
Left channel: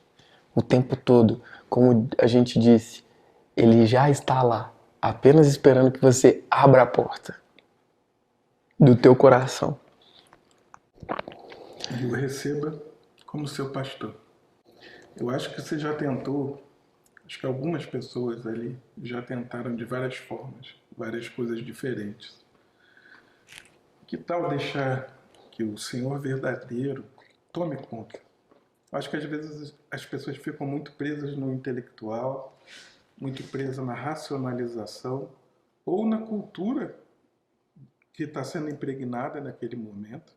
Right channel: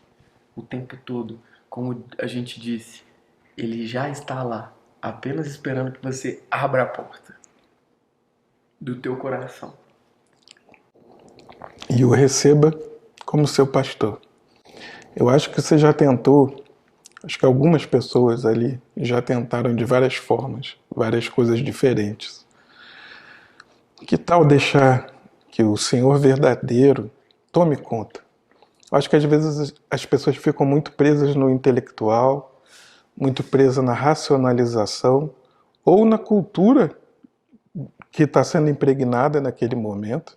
o tempo todo. Como a gente disse, ele já está lá, apenas esperando que você abra a porta do teu coração. E o receba como seu pastor. Eu acho que você já tentou, acho que algumas pessoas ali já tentaram de várias formas, várias coisas diferentes. Que tal deixar que o Senhor verdadeiro tome conta? Eu acho que às vezes as pessoas ficam muito presas no intelectual, muito presas na racionalização ou na cultura que está sendo impregnada naquele momento.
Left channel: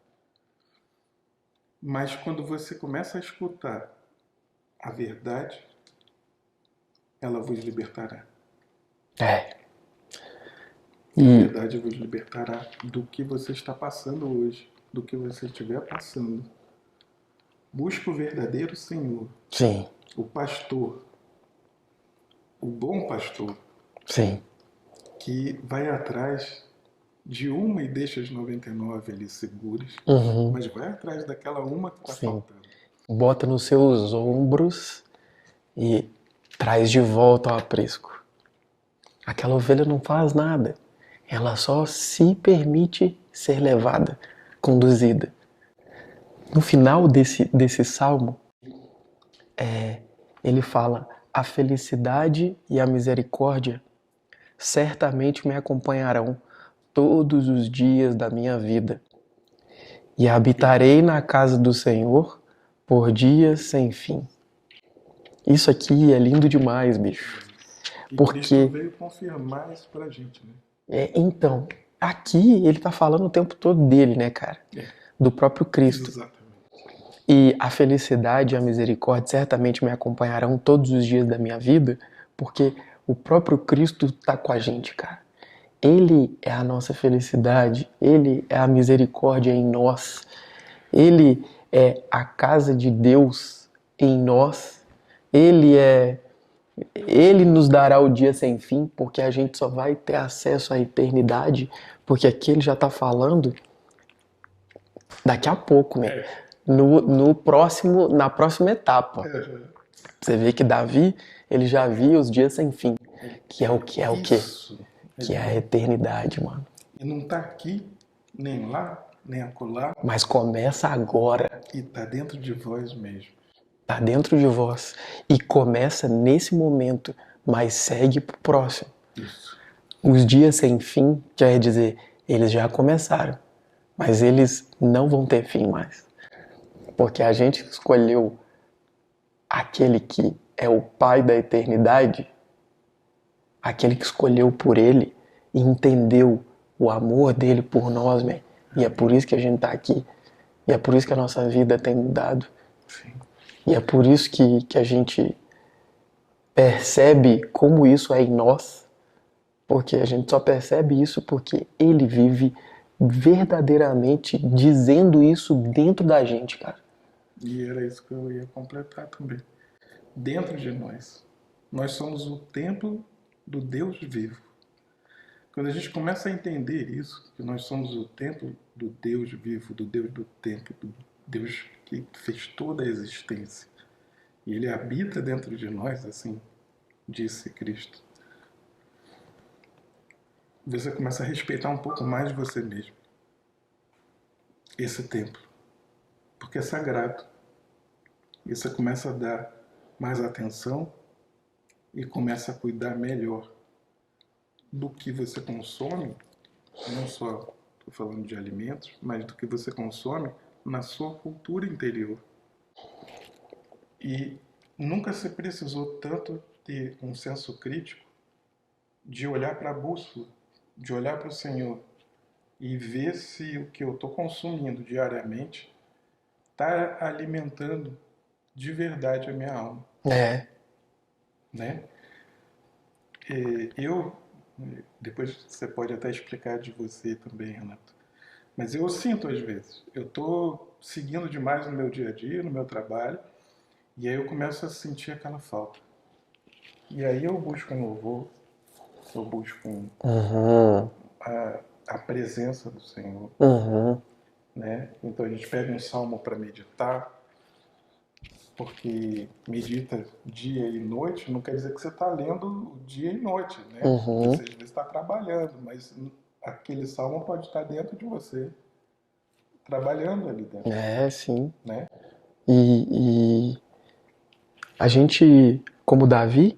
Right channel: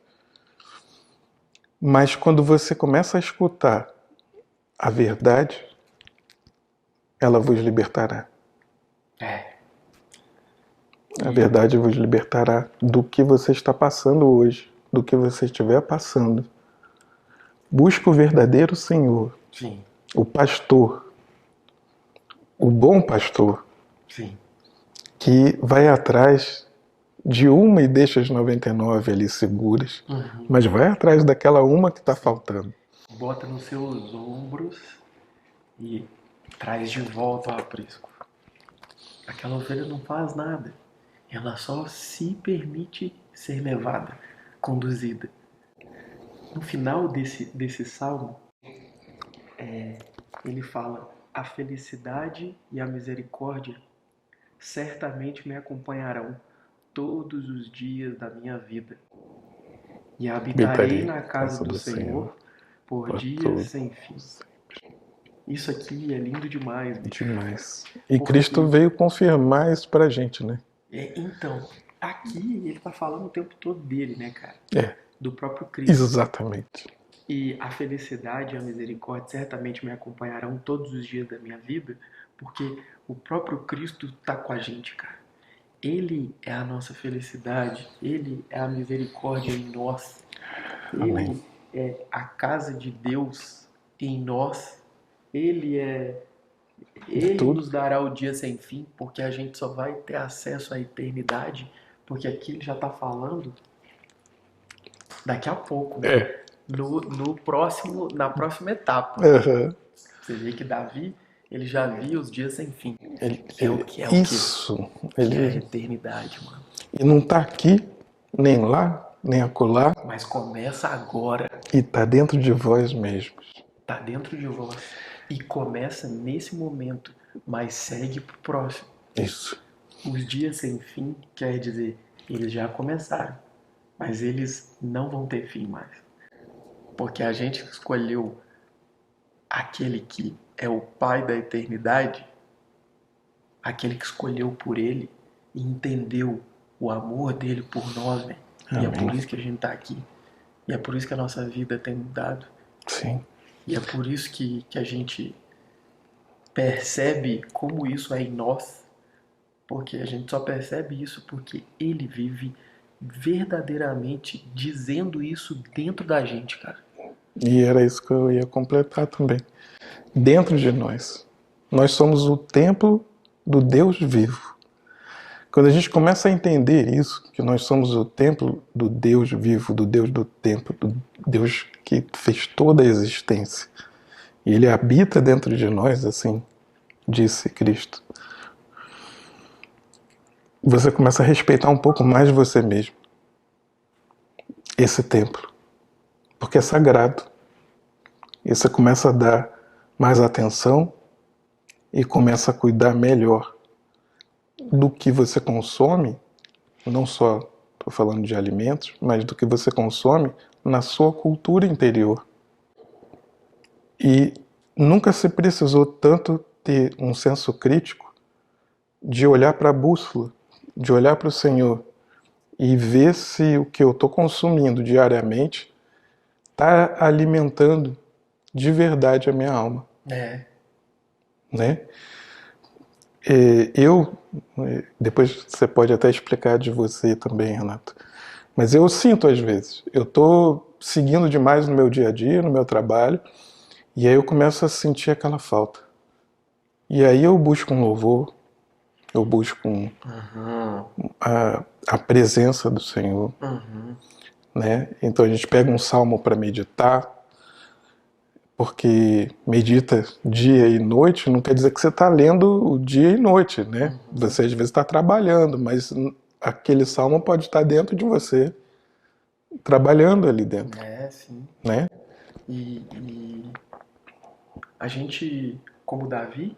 Mas quando você começa a escutar a verdade, ela vos libertará. A verdade vos libertará do que você está passando hoje, do que você estiver passando. Busca o verdadeiro Senhor, Sim, o pastor, o bom pastor, sim. que vai atrás de uma e deixa as 99 ali seguras, mas vai atrás daquela uma que está faltando. Bota nos seus ombros e traz de volta ao aprisco. Aquela ovelha não faz nada. Ela só se permite ser levada, conduzida. No final desse salmo, ele fala: a felicidade e a misericórdia certamente me acompanharão todos os dias da minha vida. E habitarei na casa do Senhor por dias sem fim. Isso aqui é lindo demais, bicho. Demais. E Porque- Cristo veio confirmar isso pra gente, né? Então, aqui ele tá falando o tempo todo dele, né, cara? Do próprio Cristo. Exatamente. E a felicidade e a misericórdia certamente me acompanharão todos os dias da minha vida, porque o próprio Cristo tá com a gente, cara. Ele é a nossa felicidade, ele é a misericórdia em nós. Ele é a casa de Deus em nós. Ele nos dará o dia sem fim, porque a gente só vai ter acesso à eternidade, porque aqui ele já está falando daqui a pouco, né? Na próxima etapa. Você vê que Davi, ele já via os dias sem fim. Que é o quê? Isso. Que é a eternidade, mano. E não tá aqui, nem lá, nem acolá, Mas começa agora. e tá dentro de vós mesmos. Tá dentro de vós. E começa nesse momento, mas segue pro próximo. Isso. Os dias sem fim quer dizer Eles já começaram, mas eles não vão ter fim mais. Porque a gente escolheu aquele que é o Pai da eternidade, aquele que escolheu por ele e entendeu o amor dele por nós, man. E é por isso que a gente tá aqui. E é por isso que a nossa vida tem mudado. Sim. E é por isso que a gente percebe como isso é em nós. Porque a gente só percebe isso porque ele vive verdadeiramente dizendo isso dentro da gente, cara. E era isso que eu ia completar também. Dentro de nós. Nós somos o templo do Deus vivo. Quando a gente começa a entender isso, que nós somos o templo do Deus vivo, do Deus do tempo, do Deus que fez toda a existência, e Ele habita dentro de nós, assim disse Cristo, você começa a respeitar um pouco mais de você mesmo, esse templo, porque é sagrado. E você começa a dar mais atenção e começa a cuidar melhor do que você consome, não só estou falando de alimentos, mas do que você consome na sua cultura interior. E nunca se precisou tanto ter um senso crítico de olhar para a bússola, de olhar para o Senhor e ver se o que eu estou consumindo diariamente está alimentando de verdade a minha alma. Né? Depois você pode até explicar de você também, Renato, mas eu sinto às vezes, eu estou seguindo demais no meu dia a dia, no meu trabalho, e aí eu começo a sentir aquela falta. E aí eu busco um louvor, eu busco a presença do Senhor, né? Então a gente pega um salmo para meditar, porque medita dia e noite não quer dizer que você está lendo o dia e noite, né? Você às vezes está trabalhando, mas aquele salmo pode estar dentro de você, trabalhando ali dentro. Sim. Né? E a gente, como Davi,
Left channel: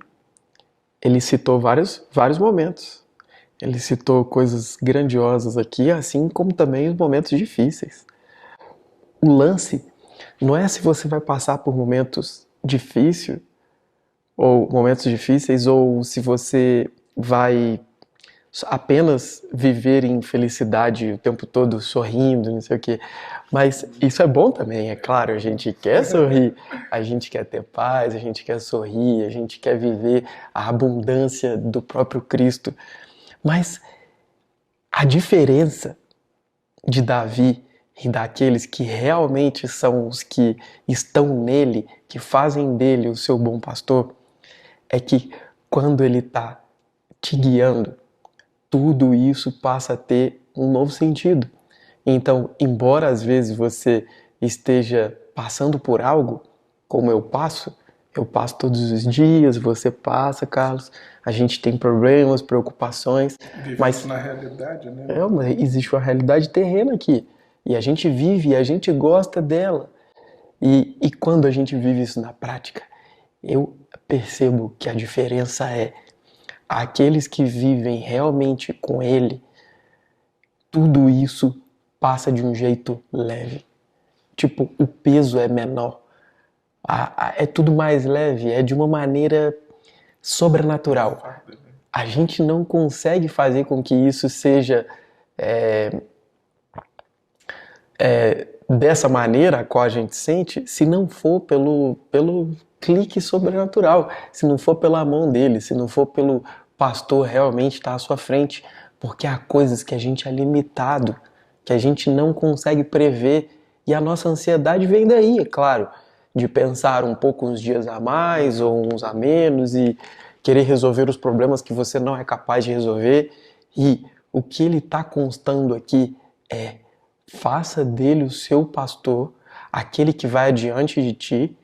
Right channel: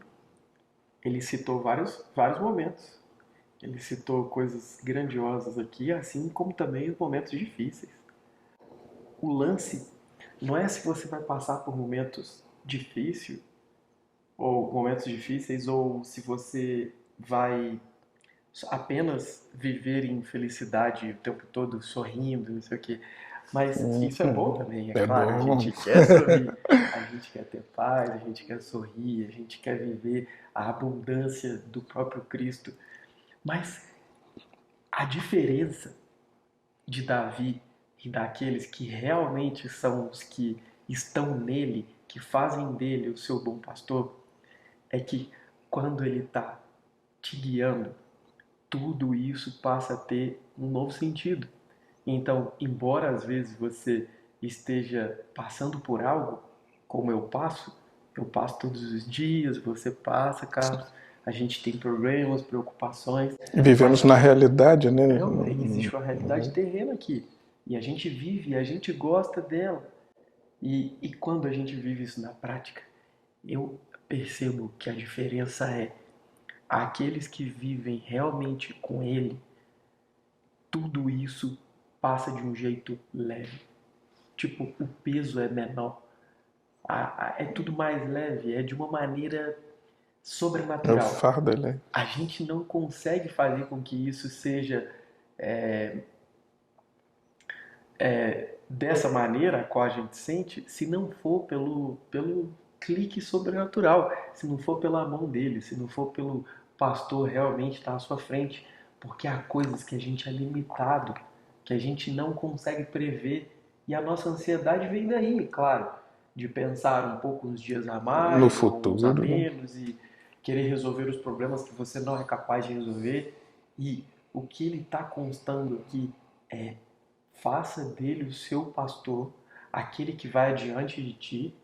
ele citou vários momentos. Ele citou coisas grandiosas aqui, assim como também os momentos difíceis. O lance não é se você vai passar por momentos difíceis, ou se você vai apenas viver em felicidade o tempo todo, sorrindo, não sei o quê. Mas isso é bom também, é claro. bom. A gente quer sorrir, a gente quer ter paz, a gente quer sorrir, a gente quer viver a abundância do próprio Cristo. Mas a diferença de Davi e daqueles que realmente são os que estão nele, que fazem dele o seu bom pastor, é que quando ele está te guiando, tudo isso passa a ter um novo sentido. Então, embora às vezes você esteja passando por algo, como eu passo todos os dias, você passa, Carlos, a gente tem problemas, preocupações. Vivemos na realidade, né? Mas existe uma realidade terrena aqui. E a gente vive e a gente gosta dela. E quando a gente vive isso na prática, eu percebo que a diferença é aqueles que vivem realmente com ele, tudo isso passa de um jeito leve. Tipo, o peso é menor. É tudo mais leve, é de uma maneira sobrenatural. Fardo, né? A gente não consegue fazer com que isso seja dessa maneira a qual a gente sente, se não for pelo clique sobrenatural, se não for pela mão dele, se não for pelo pastor realmente estar à sua frente, porque há coisas que a gente é limitado, que a gente não consegue prever, e a nossa ansiedade vem daí, é claro, de pensar um pouco uns dias a mais ou uns a menos e querer resolver os problemas que você não é capaz de resolver. E o que ele está constando aqui é: faça dele o seu pastor, aquele que vai adiante de ti,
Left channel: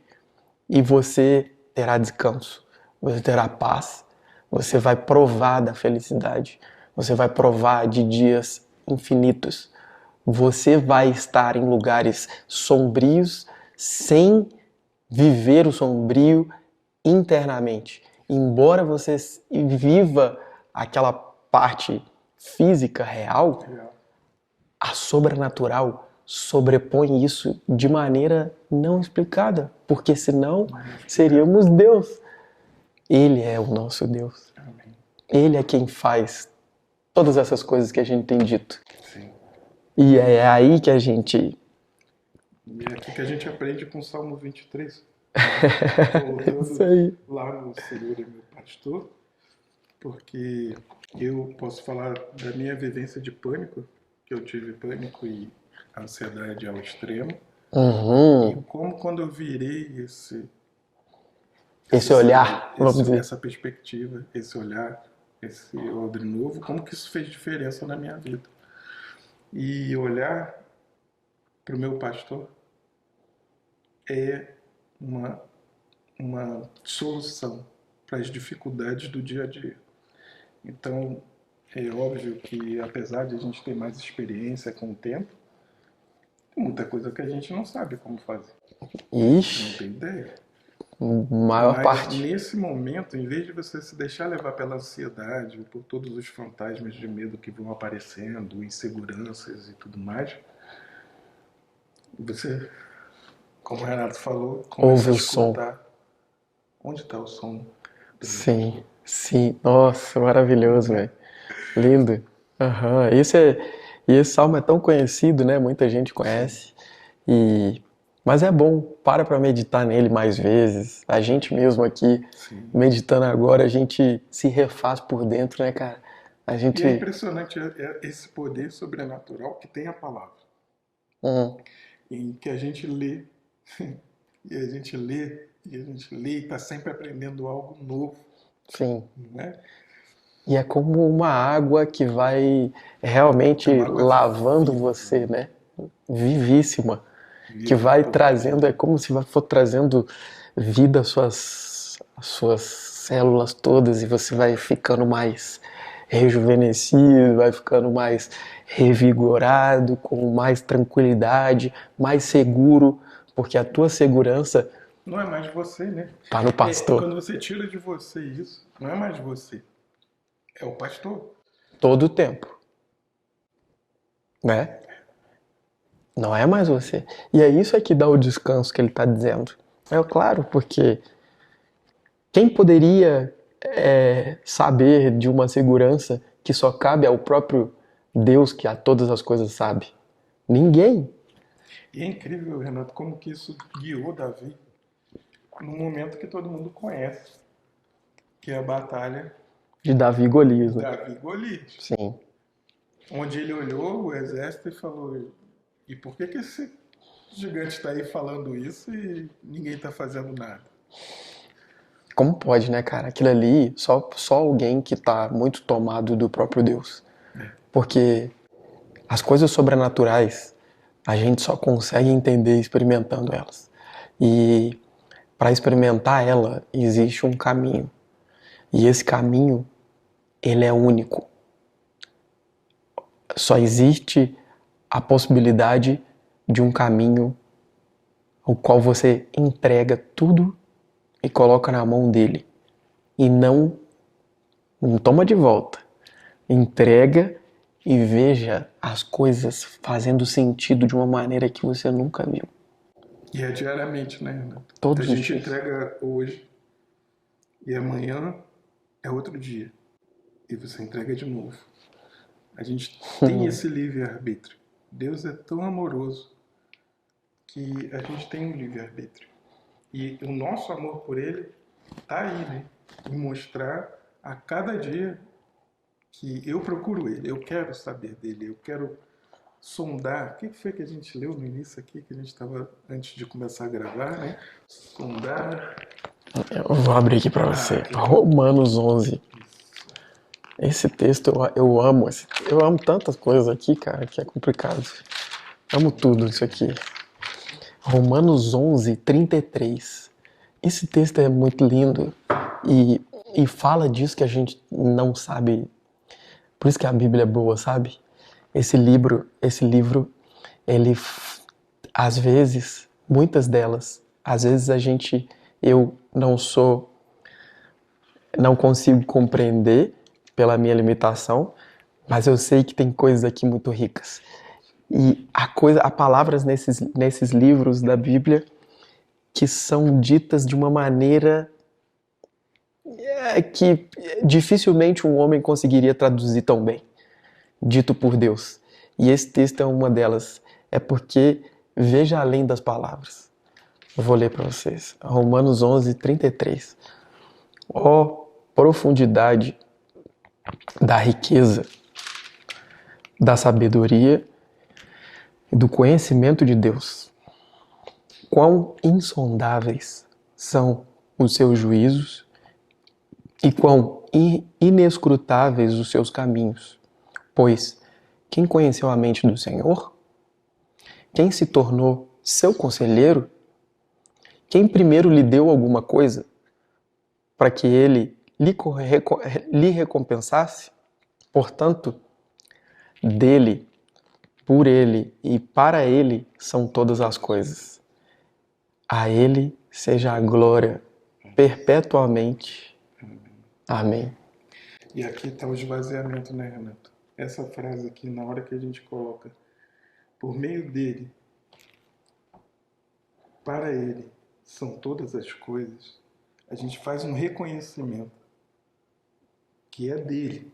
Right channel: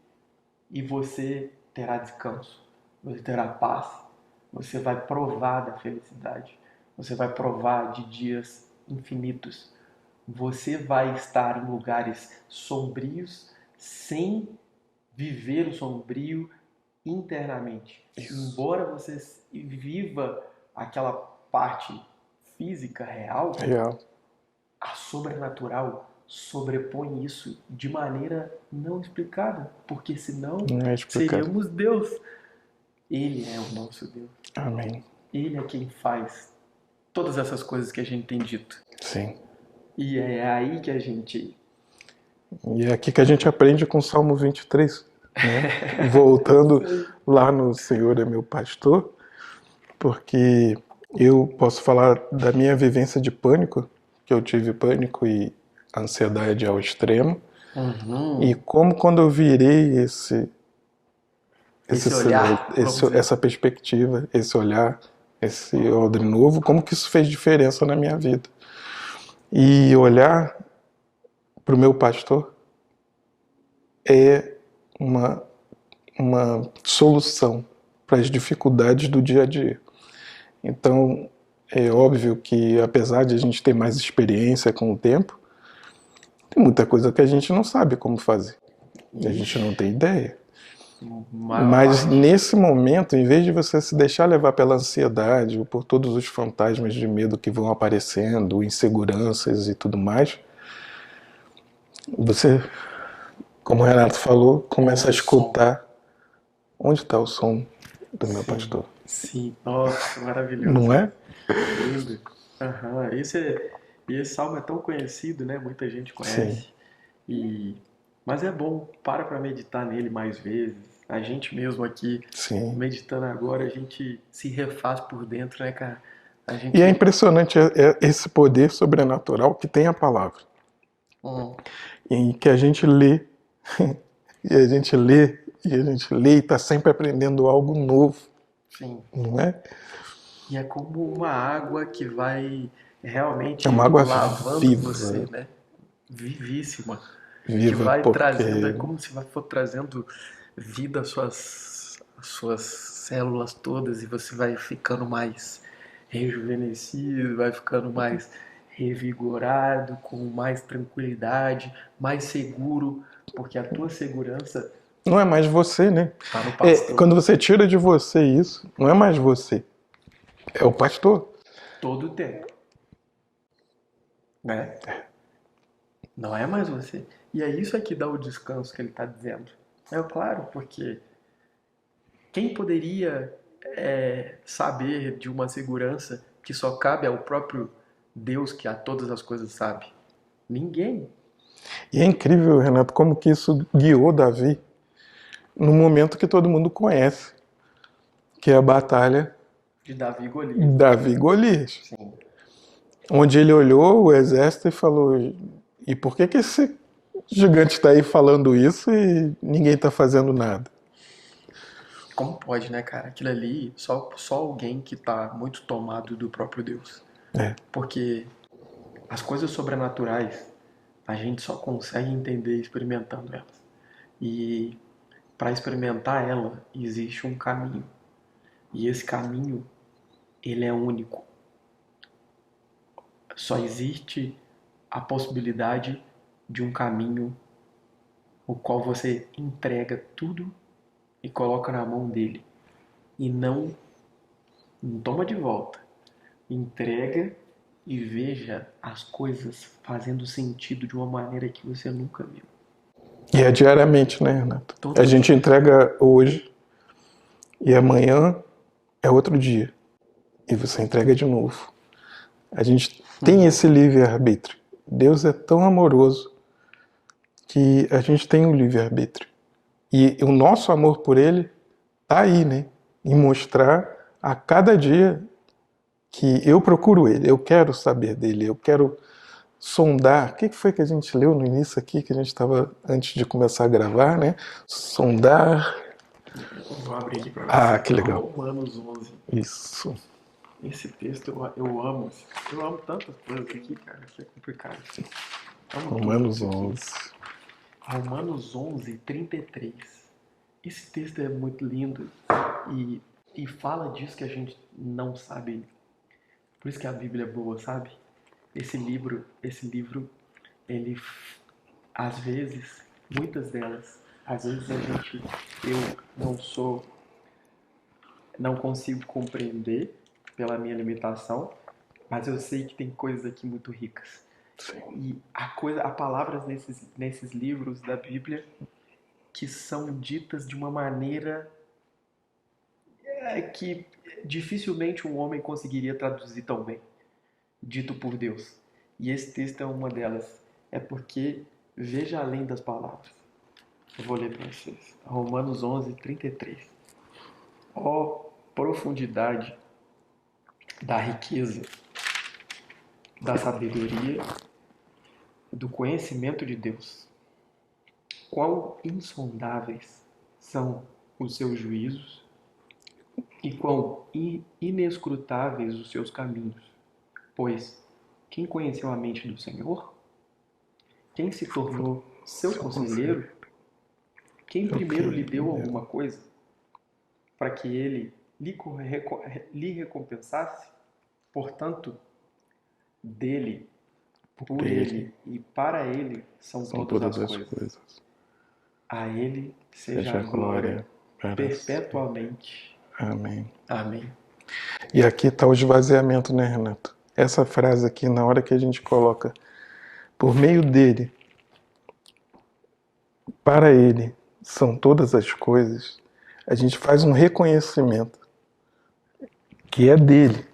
e você terá descanso, você terá paz, você vai provar da felicidade, você vai provar de dias infinitos. Você vai estar em lugares sombrios sem viver o sombrio internamente. Embora você viva aquela parte física real, Real. a sobrenatural sobrepõe isso de maneira não explicada, porque senão Não é explicado. seríamos Deus. Ele é o nosso Deus. Amém. Ele é quem faz todas essas coisas que a gente tem dito. Sim. E é aí que a gente... E é aqui que a gente aprende com o Salmo 23. Né? Voltando Isso aí. lá no Senhor é meu pastor, porque eu posso falar da minha vivência de pânico, que eu tive pânico e ansiedade ao extremo, e como quando eu virei Esse olhar, vamos dizer. essa perspectiva, esse olhar, esse odre novo, como que isso fez diferença na minha vida. E olhar para o meu pastor é uma solução para as dificuldades do dia a dia. Então, é óbvio que apesar de a gente ter mais experiência com o tempo, tem muita coisa que a gente não sabe como fazer. A gente não tem ideia. Mas parte. nesse momento, em vez de você se deixar levar pela ansiedade ou por todos os fantasmas de medo que vão aparecendo, inseguranças e tudo mais, você, como o Renato falou, começa a escutar onde está o som do meu pastor. Sim, nossa, maravilhoso, Não é? né? Lindo. Aham. E esse salmo é tão conhecido, né? Muita gente conhece. Mas é bom, para meditar nele mais vezes. A gente mesmo aqui, Sim. meditando agora, a gente se refaz por dentro, né, cara? E é impressionante esse poder sobrenatural que tem a palavra. Em que a gente lê, e a gente lê, e a gente lê e está sempre aprendendo algo novo. Sim. Não é? E é como uma água que vai realmente uma água lavando viva, você, né? Vivíssima. Viva, Que vai porque- trazendo, é como se for trazendo vida às suas células todas e você vai ficando mais rejuvenescido, vai ficando mais revigorado, com mais tranquilidade, mais seguro, porque a tua segurança Não é mais você, né? tá no pastor. Quando você tira de você isso, não é mais você. É o pastor. Todo o tempo. Né? Não é mais você. E é isso que dá o descanso que ele está dizendo. É claro, porque quem poderia saber de uma segurança que só cabe ao próprio Deus que a todas as coisas sabe? Ninguém. E é incrível, Renato, como que isso guiou Davi no momento que todo mundo conhece, que é a batalha De Davi e Golias. Davi e Golias. Sim. Onde ele olhou o exército e falou: e por que esse gigante está aí falando isso e ninguém está fazendo nada? Como pode, né, cara? Aquilo ali, só alguém que tá muito tomado do próprio Deus. Porque as coisas sobrenaturais, a gente só consegue entender experimentando elas. E para experimentar ela, existe um caminho. E esse caminho, ele é único. Só existe a possibilidade de um caminho o qual você entrega tudo e coloca na mão dele. E não toma de volta. Entrega e veja as coisas fazendo sentido de uma maneira que você nunca viu. E é diariamente, né, Renato? Todo A gente entrega hoje e amanhã é outro dia. E você entrega de novo. A gente tem esse livre-arbítrio. Deus é tão amoroso que a gente tem um livre-arbítrio. E o nosso amor por Ele está aí, né? Em mostrar a cada dia que eu procuro Ele, eu quero saber dEle, eu quero sondar. O que foi que a gente leu no início aqui, que a gente estava antes de começar a gravar, né? Sondar. Eu vou abrir aqui para você. Que legal. Romanos 11. Isso. Esse texto eu amo. Eu amo tantas coisas aqui, cara, que é complicado. Amo tudo isso aqui. Romanos 11, 33. Esse texto é muito lindo e fala disso que a gente não sabe. Por isso que a Bíblia é boa, sabe? Esse livro, ele, às vezes, muitas delas, às vezes eu não consigo compreender pela minha limitação, Mas eu sei que tem coisas aqui muito ricas. E há palavras nesses livros da Bíblia que são ditas de uma maneira que dificilmente um homem conseguiria traduzir tão bem, dito por Deus. E esse texto é uma delas. É porque veja além das palavras. Eu vou ler para vocês. Romanos 11:33. Ó profundidade da riqueza, da sabedoria e do conhecimento de Deus. Quão insondáveis são os seus juízos e quão inescrutáveis os seus caminhos. Pois quem conheceu a mente do Senhor? Quem se tornou seu conselheiro? Quem primeiro lhe deu alguma coisa para que ele lhe recompensasse? Portanto, dele, por ele e para ele são todas as coisas. A ele seja a glória perpetuamente. Amém. Amém. E aqui está o esvaziamento, né, Renato? Essa frase aqui, na hora que a gente coloca por meio dele, para ele são todas as coisas, a gente faz um reconhecimento que é dele.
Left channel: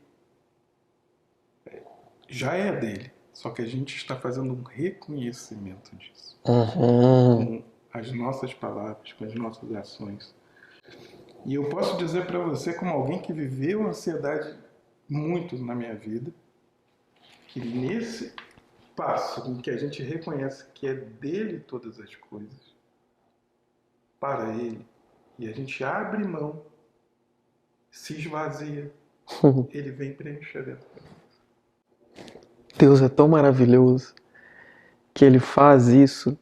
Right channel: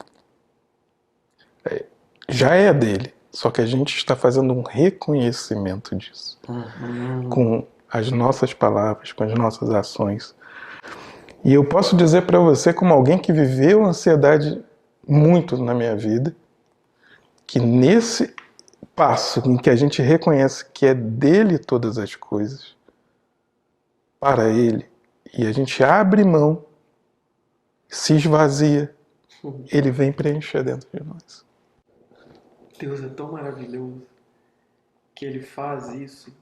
Já é dele, só que a gente está fazendo um reconhecimento disso. Com as nossas palavras, com as nossas ações. E eu posso dizer para você, como alguém que viveu ansiedade muito na minha vida, que nesse passo em que a gente reconhece que é dele todas as coisas, para ele, e a gente abre mão, se esvazia, ele vem preencher dentro de nós. Deus é tão maravilhoso que ele faz isso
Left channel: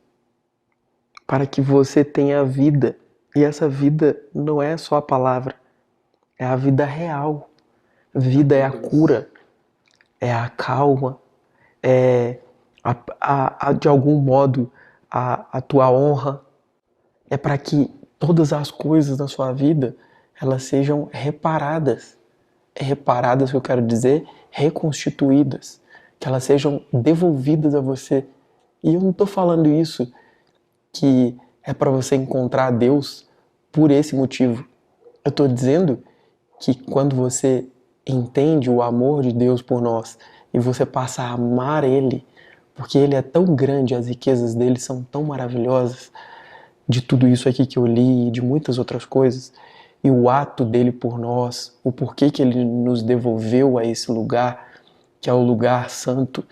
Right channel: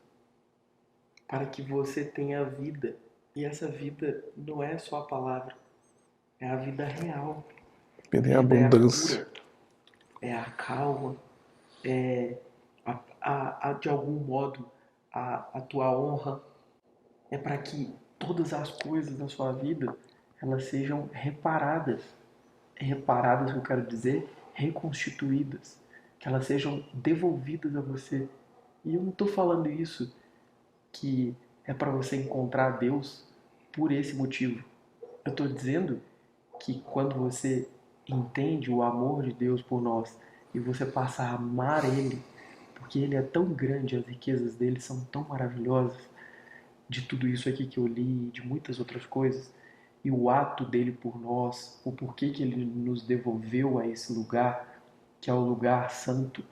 para que você tenha vida. E essa vida não é só a palavra, é a vida real. Vida é a cura, é a calma, é de algum modo a tua honra. É para que todas as coisas da sua vida elas sejam reparadas. Reparadas, que eu quero dizer, reconstituídas. Que elas sejam devolvidas a você. E eu não estou falando isso que é para você encontrar Deus por esse motivo. Eu estou dizendo que quando você entende o amor de Deus por nós e você passa a amar Ele, porque Ele é tão grande, as riquezas dele são tão maravilhosas, de tudo isso aqui que eu li e de muitas outras coisas, e o ato dele por nós, o porquê que ele nos devolveu a esse lugar, que é o lugar santo,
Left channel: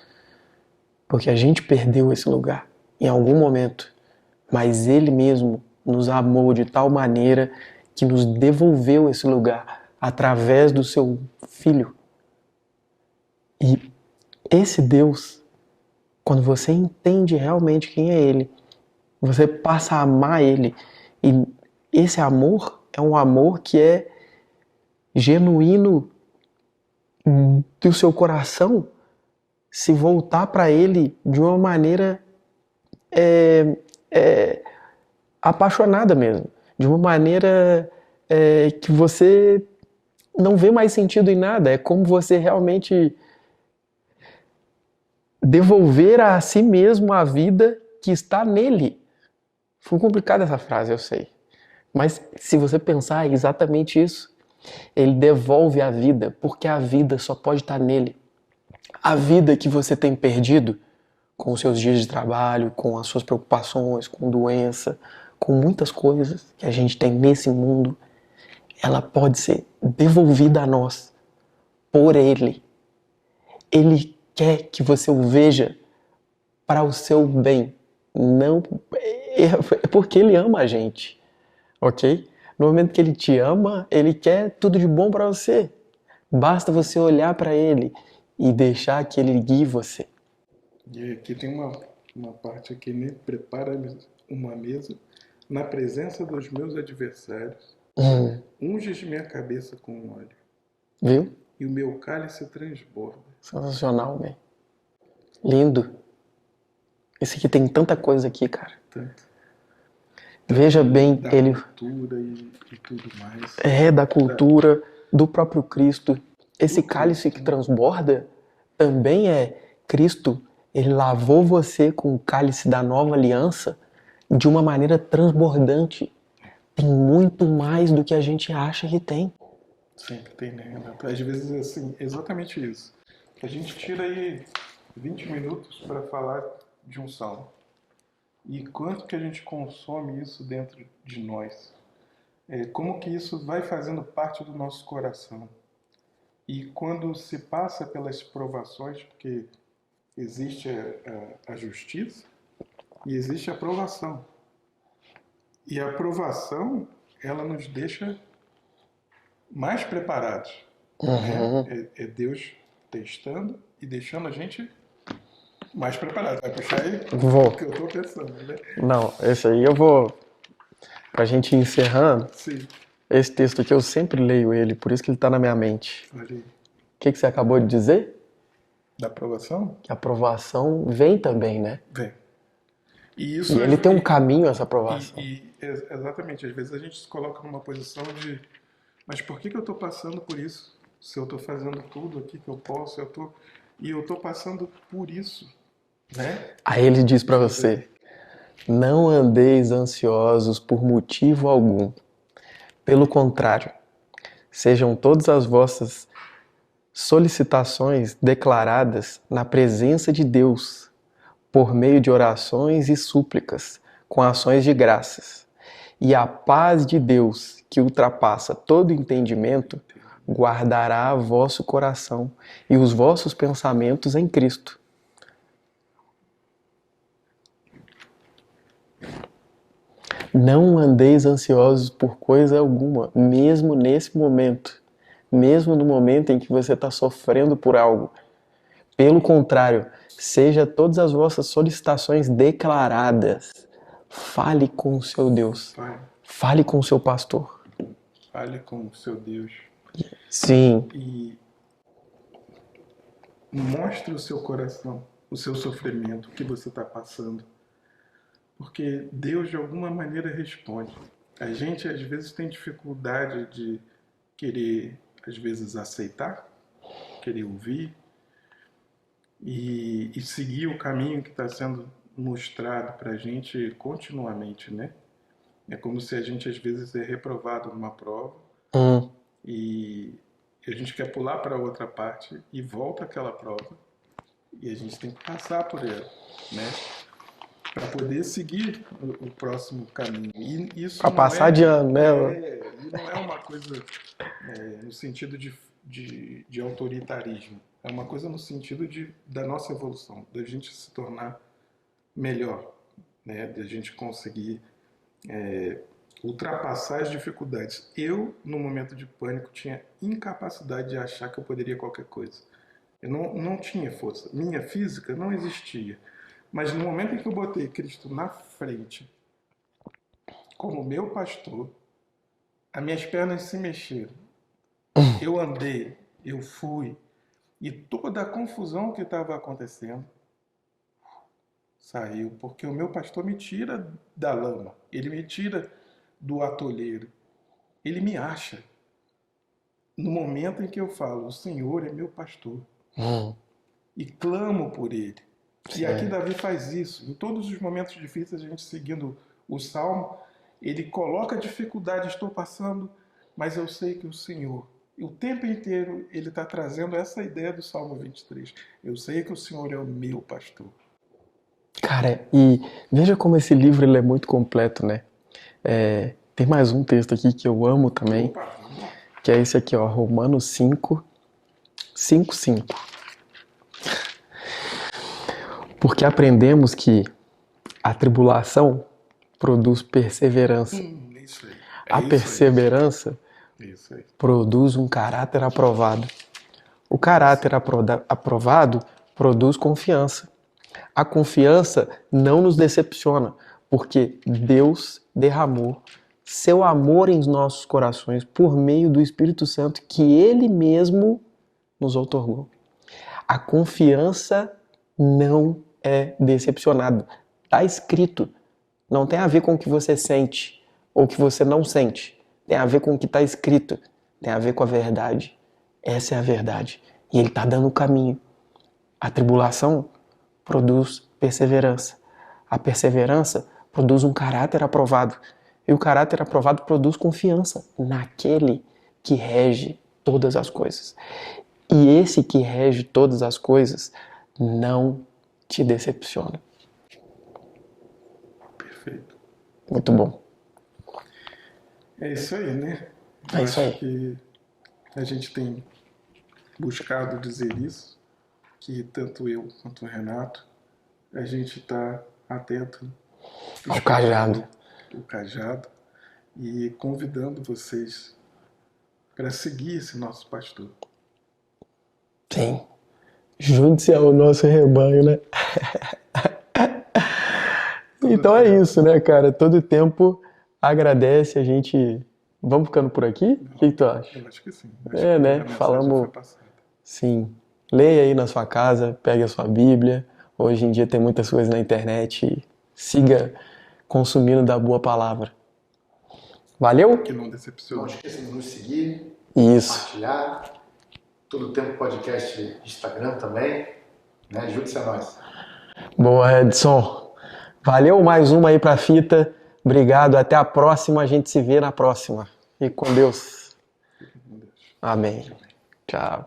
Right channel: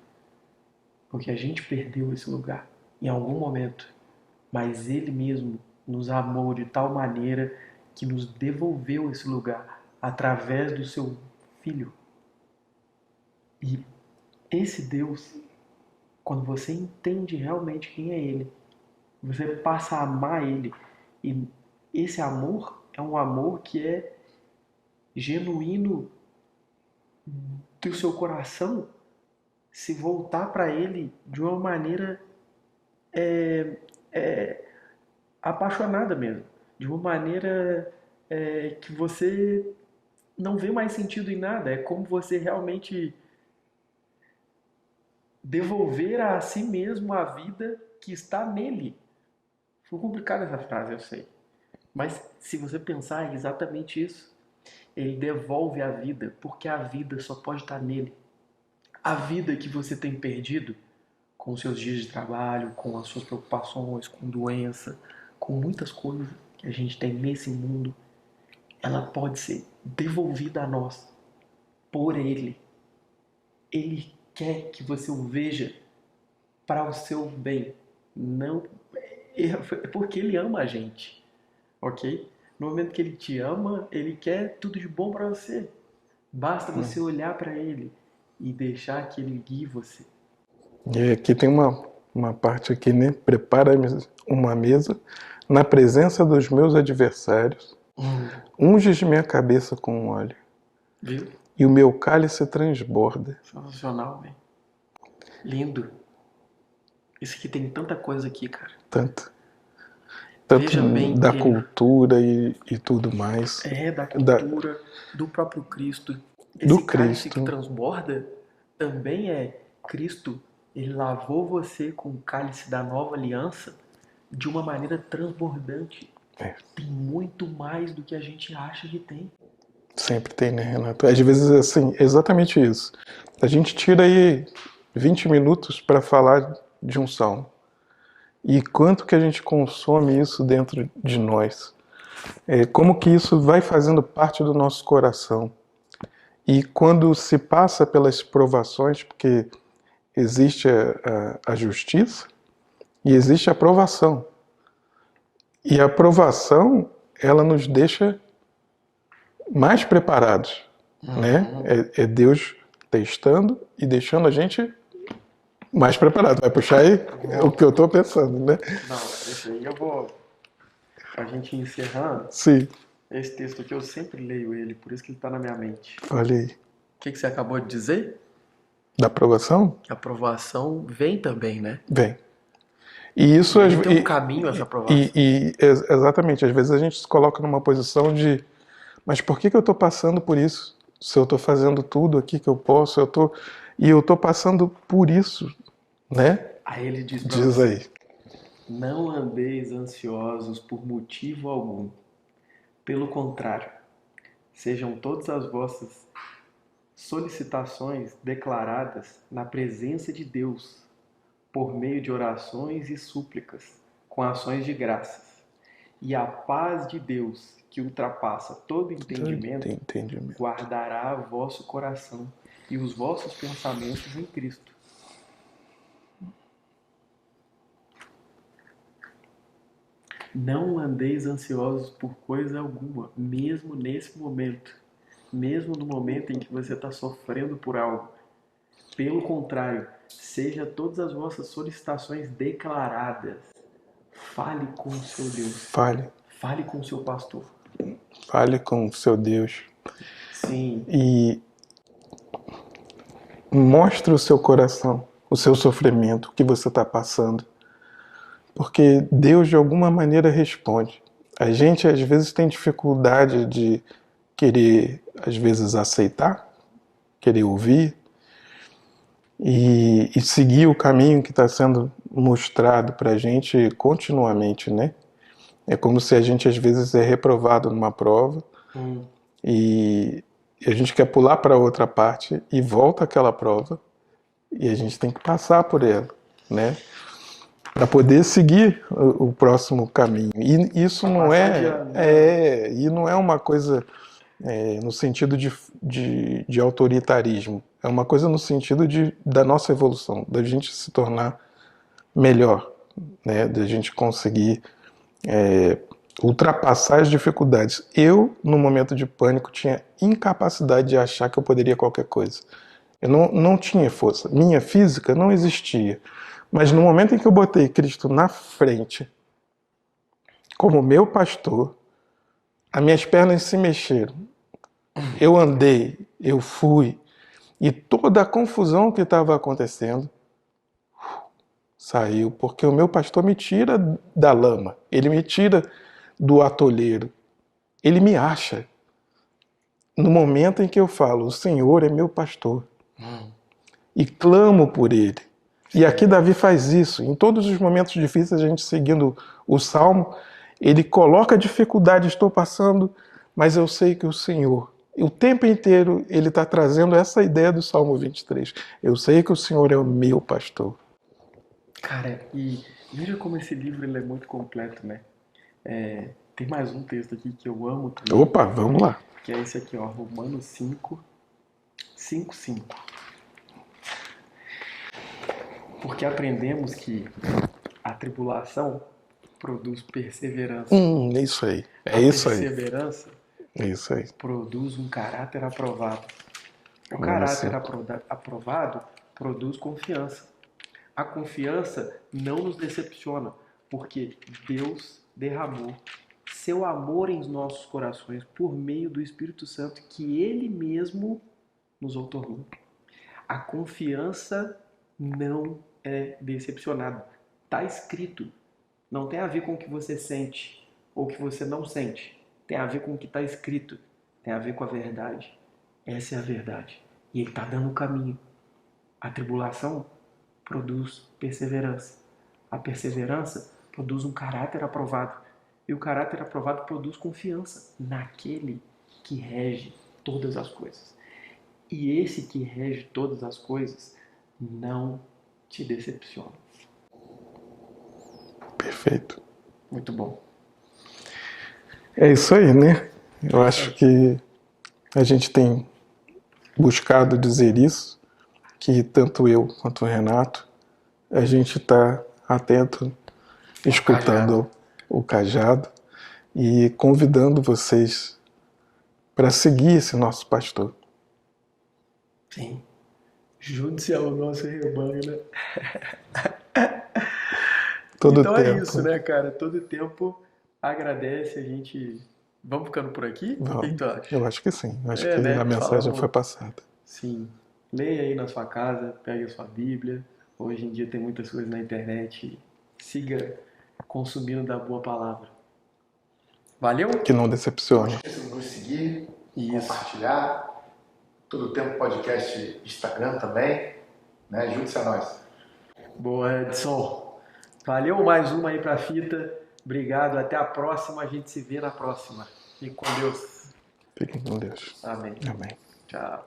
porque a gente perdeu esse lugar em algum momento, mas ele mesmo nos amou de tal maneira que nos devolveu esse lugar através do seu Filho. E esse Deus, quando você entende realmente quem é Ele, você passa a amar Ele. E esse amor é um amor que é genuíno do seu coração se voltar para Ele de uma maneira apaixonada mesmo. De uma maneira que você não vê mais sentido em nada. É como você realmente devolver a si mesmo a vida que está nele. Foi complicada essa frase, eu sei. Mas se você pensar, é exatamente isso. Ele devolve a vida, porque a vida só pode estar nele. A vida que você tem perdido com os seus dias de trabalho, com as suas preocupações, com doença, com muitas coisas que a gente tem nesse mundo, ela pode ser devolvida a nós por Ele. Ele quer que você o veja para o seu bem, não porque Ele ama a gente, ok? No momento que Ele te ama, Ele quer tudo de bom para você. Basta você olhar para Ele e deixar que Ele guie você. E aqui tem uma parte aqui, né? Prepara uma mesa na presença dos meus adversários. Unges minha cabeça com óleo. Viu? E o meu cálice transborda. Sensacional, velho. Lindo. Esse aqui tem tanta coisa aqui, cara. Tanto Veja bem, da cultura e tudo mais. Da cultura, do próprio Cristo. Esse cálice Cristo. que transborda também é Cristo, ele lavou você com o cálice da nova aliança de uma maneira transbordante. Tem muito mais do que a gente acha que tem. Sempre tem, né, Renato? Às vezes, assim, exatamente isso. A gente tira aí 20 minutos para falar de um salmo. E quanto que a gente consome isso dentro de nós? Como que isso vai fazendo parte do nosso coração? E quando se passa pelas provações, porque existe a justiça e existe a provação. E a provação, ela nos deixa mais preparados, né? É Deus testando e deixando a gente mais preparado. Vai puxar aí o que eu tô pensando, né? Não, esse aí eu vou... Pra gente ir encerrando, Sim, esse texto aqui eu sempre leio ele, por isso que ele tá na minha mente. olha aí. O que você acabou de dizer? Da aprovação? Que a aprovação vem também, né? Vem. E isso E ele tem um caminho, essa aprovação. Exatamente, às vezes a gente se coloca numa posição de mas por que eu estou passando por isso? Se eu estou fazendo tudo aqui que eu posso, e eu estou passando por isso, né? Aí ele diz pra Diz você, aí. não andeis ansiosos por motivo algum. Pelo contrário, sejam todas as vossas solicitações declaradas na presença de Deus, por meio de orações e súplicas, com ações de graças. E a paz de Deus, que ultrapassa todo entendimento, guardará vosso coração e os vossos pensamentos em Cristo. Não andeis ansiosos por coisa alguma, mesmo nesse momento, mesmo no momento em que você está sofrendo por algo. Pelo contrário, seja todas as vossas solicitações declaradas. Fale com o seu Deus. Fale com o seu pastor. Fale com o seu Deus. Sim. E mostre o seu coração, o seu sofrimento, o que você está passando. Porque Deus, de alguma maneira, responde. A gente, às vezes, tem dificuldade de querer, às vezes, aceitar, querer ouvir e seguir o caminho que está sendo mostrado para a gente continuamente, né? É como se a gente, às vezes, é reprovado numa prova e a gente quer pular para outra parte e volta àquela prova e a gente tem que passar por ela, né? Para poder seguir o próximo caminho. E isso pra não passar de ano, né? e não é uma coisa no sentido de autoritarismo. É uma coisa no sentido da nossa evolução, da gente se tornar melhor, né? Da gente conseguir ultrapassar as dificuldades. Eu, no momento de pânico, tinha incapacidade de achar que eu poderia qualquer coisa. Eu não tinha força. Minha física não existia. Mas no momento em que eu botei Cristo na frente, como meu pastor, as minhas pernas se mexeram. Eu andei, eu fui, e toda a confusão que estava acontecendo saiu, porque o meu pastor me tira da lama, ele me tira do atolheiro, ele me acha. No momento em que eu falo, o Senhor é meu pastor, e clamo por ele. E aqui Davi faz isso. Em todos os momentos difíceis, a gente seguindo o Salmo, ele coloca a dificuldade, estou passando, mas eu sei que o Senhor, o tempo inteiro, ele está trazendo essa ideia do Salmo 23. Eu sei que o Senhor é o meu pastor. Cara, e veja como esse livro ele é muito completo, né? Tem mais um texto aqui que eu amo também. Opa, vamos lá. Que é esse aqui, ó, Romanos 5, 5. Porque aprendemos que a tribulação produz perseverança. É isso aí. A perseverança isso aí. produz um caráter aprovado. O caráter aprovado produz confiança. A confiança não nos decepciona, porque Deus derramou seu amor em nossos corações por meio do Espírito Santo que Ele mesmo nos outorgou. A confiança não é decepcionada. Está escrito. Não tem a ver com o que você sente ou o que você não sente. Tem a ver com o que está escrito. Tem a ver com a verdade. Essa é a verdade. E Ele está dando o caminho. A tribulação produz perseverança. A perseverança produz um caráter aprovado. E o caráter aprovado produz confiança naquele que rege todas as coisas. E esse que rege todas as coisas não te decepciona. Perfeito. Muito bom. É isso aí, né? Eu É isso acho aí. que a gente tem buscado dizer isso, que tanto eu quanto o Renato, a gente está atento, escutando o cajado e convidando vocês para seguir esse nosso pastor. Sim. Junte-se ao nosso rebanho, né? Todo Então é tempo. isso, né, cara? Todo tempo agradece, a gente... Vamos ficando por aqui? O que tu acha? Eu acho que sim. Acho É, que né? a mensagem Falamos- foi passada. Sim. Leia aí na sua casa, pegue a sua Bíblia. Hoje em dia tem muitas coisas na internet. Siga consumindo da boa palavra. Valeu? Que não decepciona. Não esqueça de nos seguir, Isso. compartilhar. Todo tempo podcast Instagram também. Né? Junte-se a nós. Boa, Edson. Valeu mais uma aí pra fita. Obrigado. Até a próxima. A gente se vê na próxima. Fique com Deus. Fiquem com Deus. Amém. Amém. Tchau.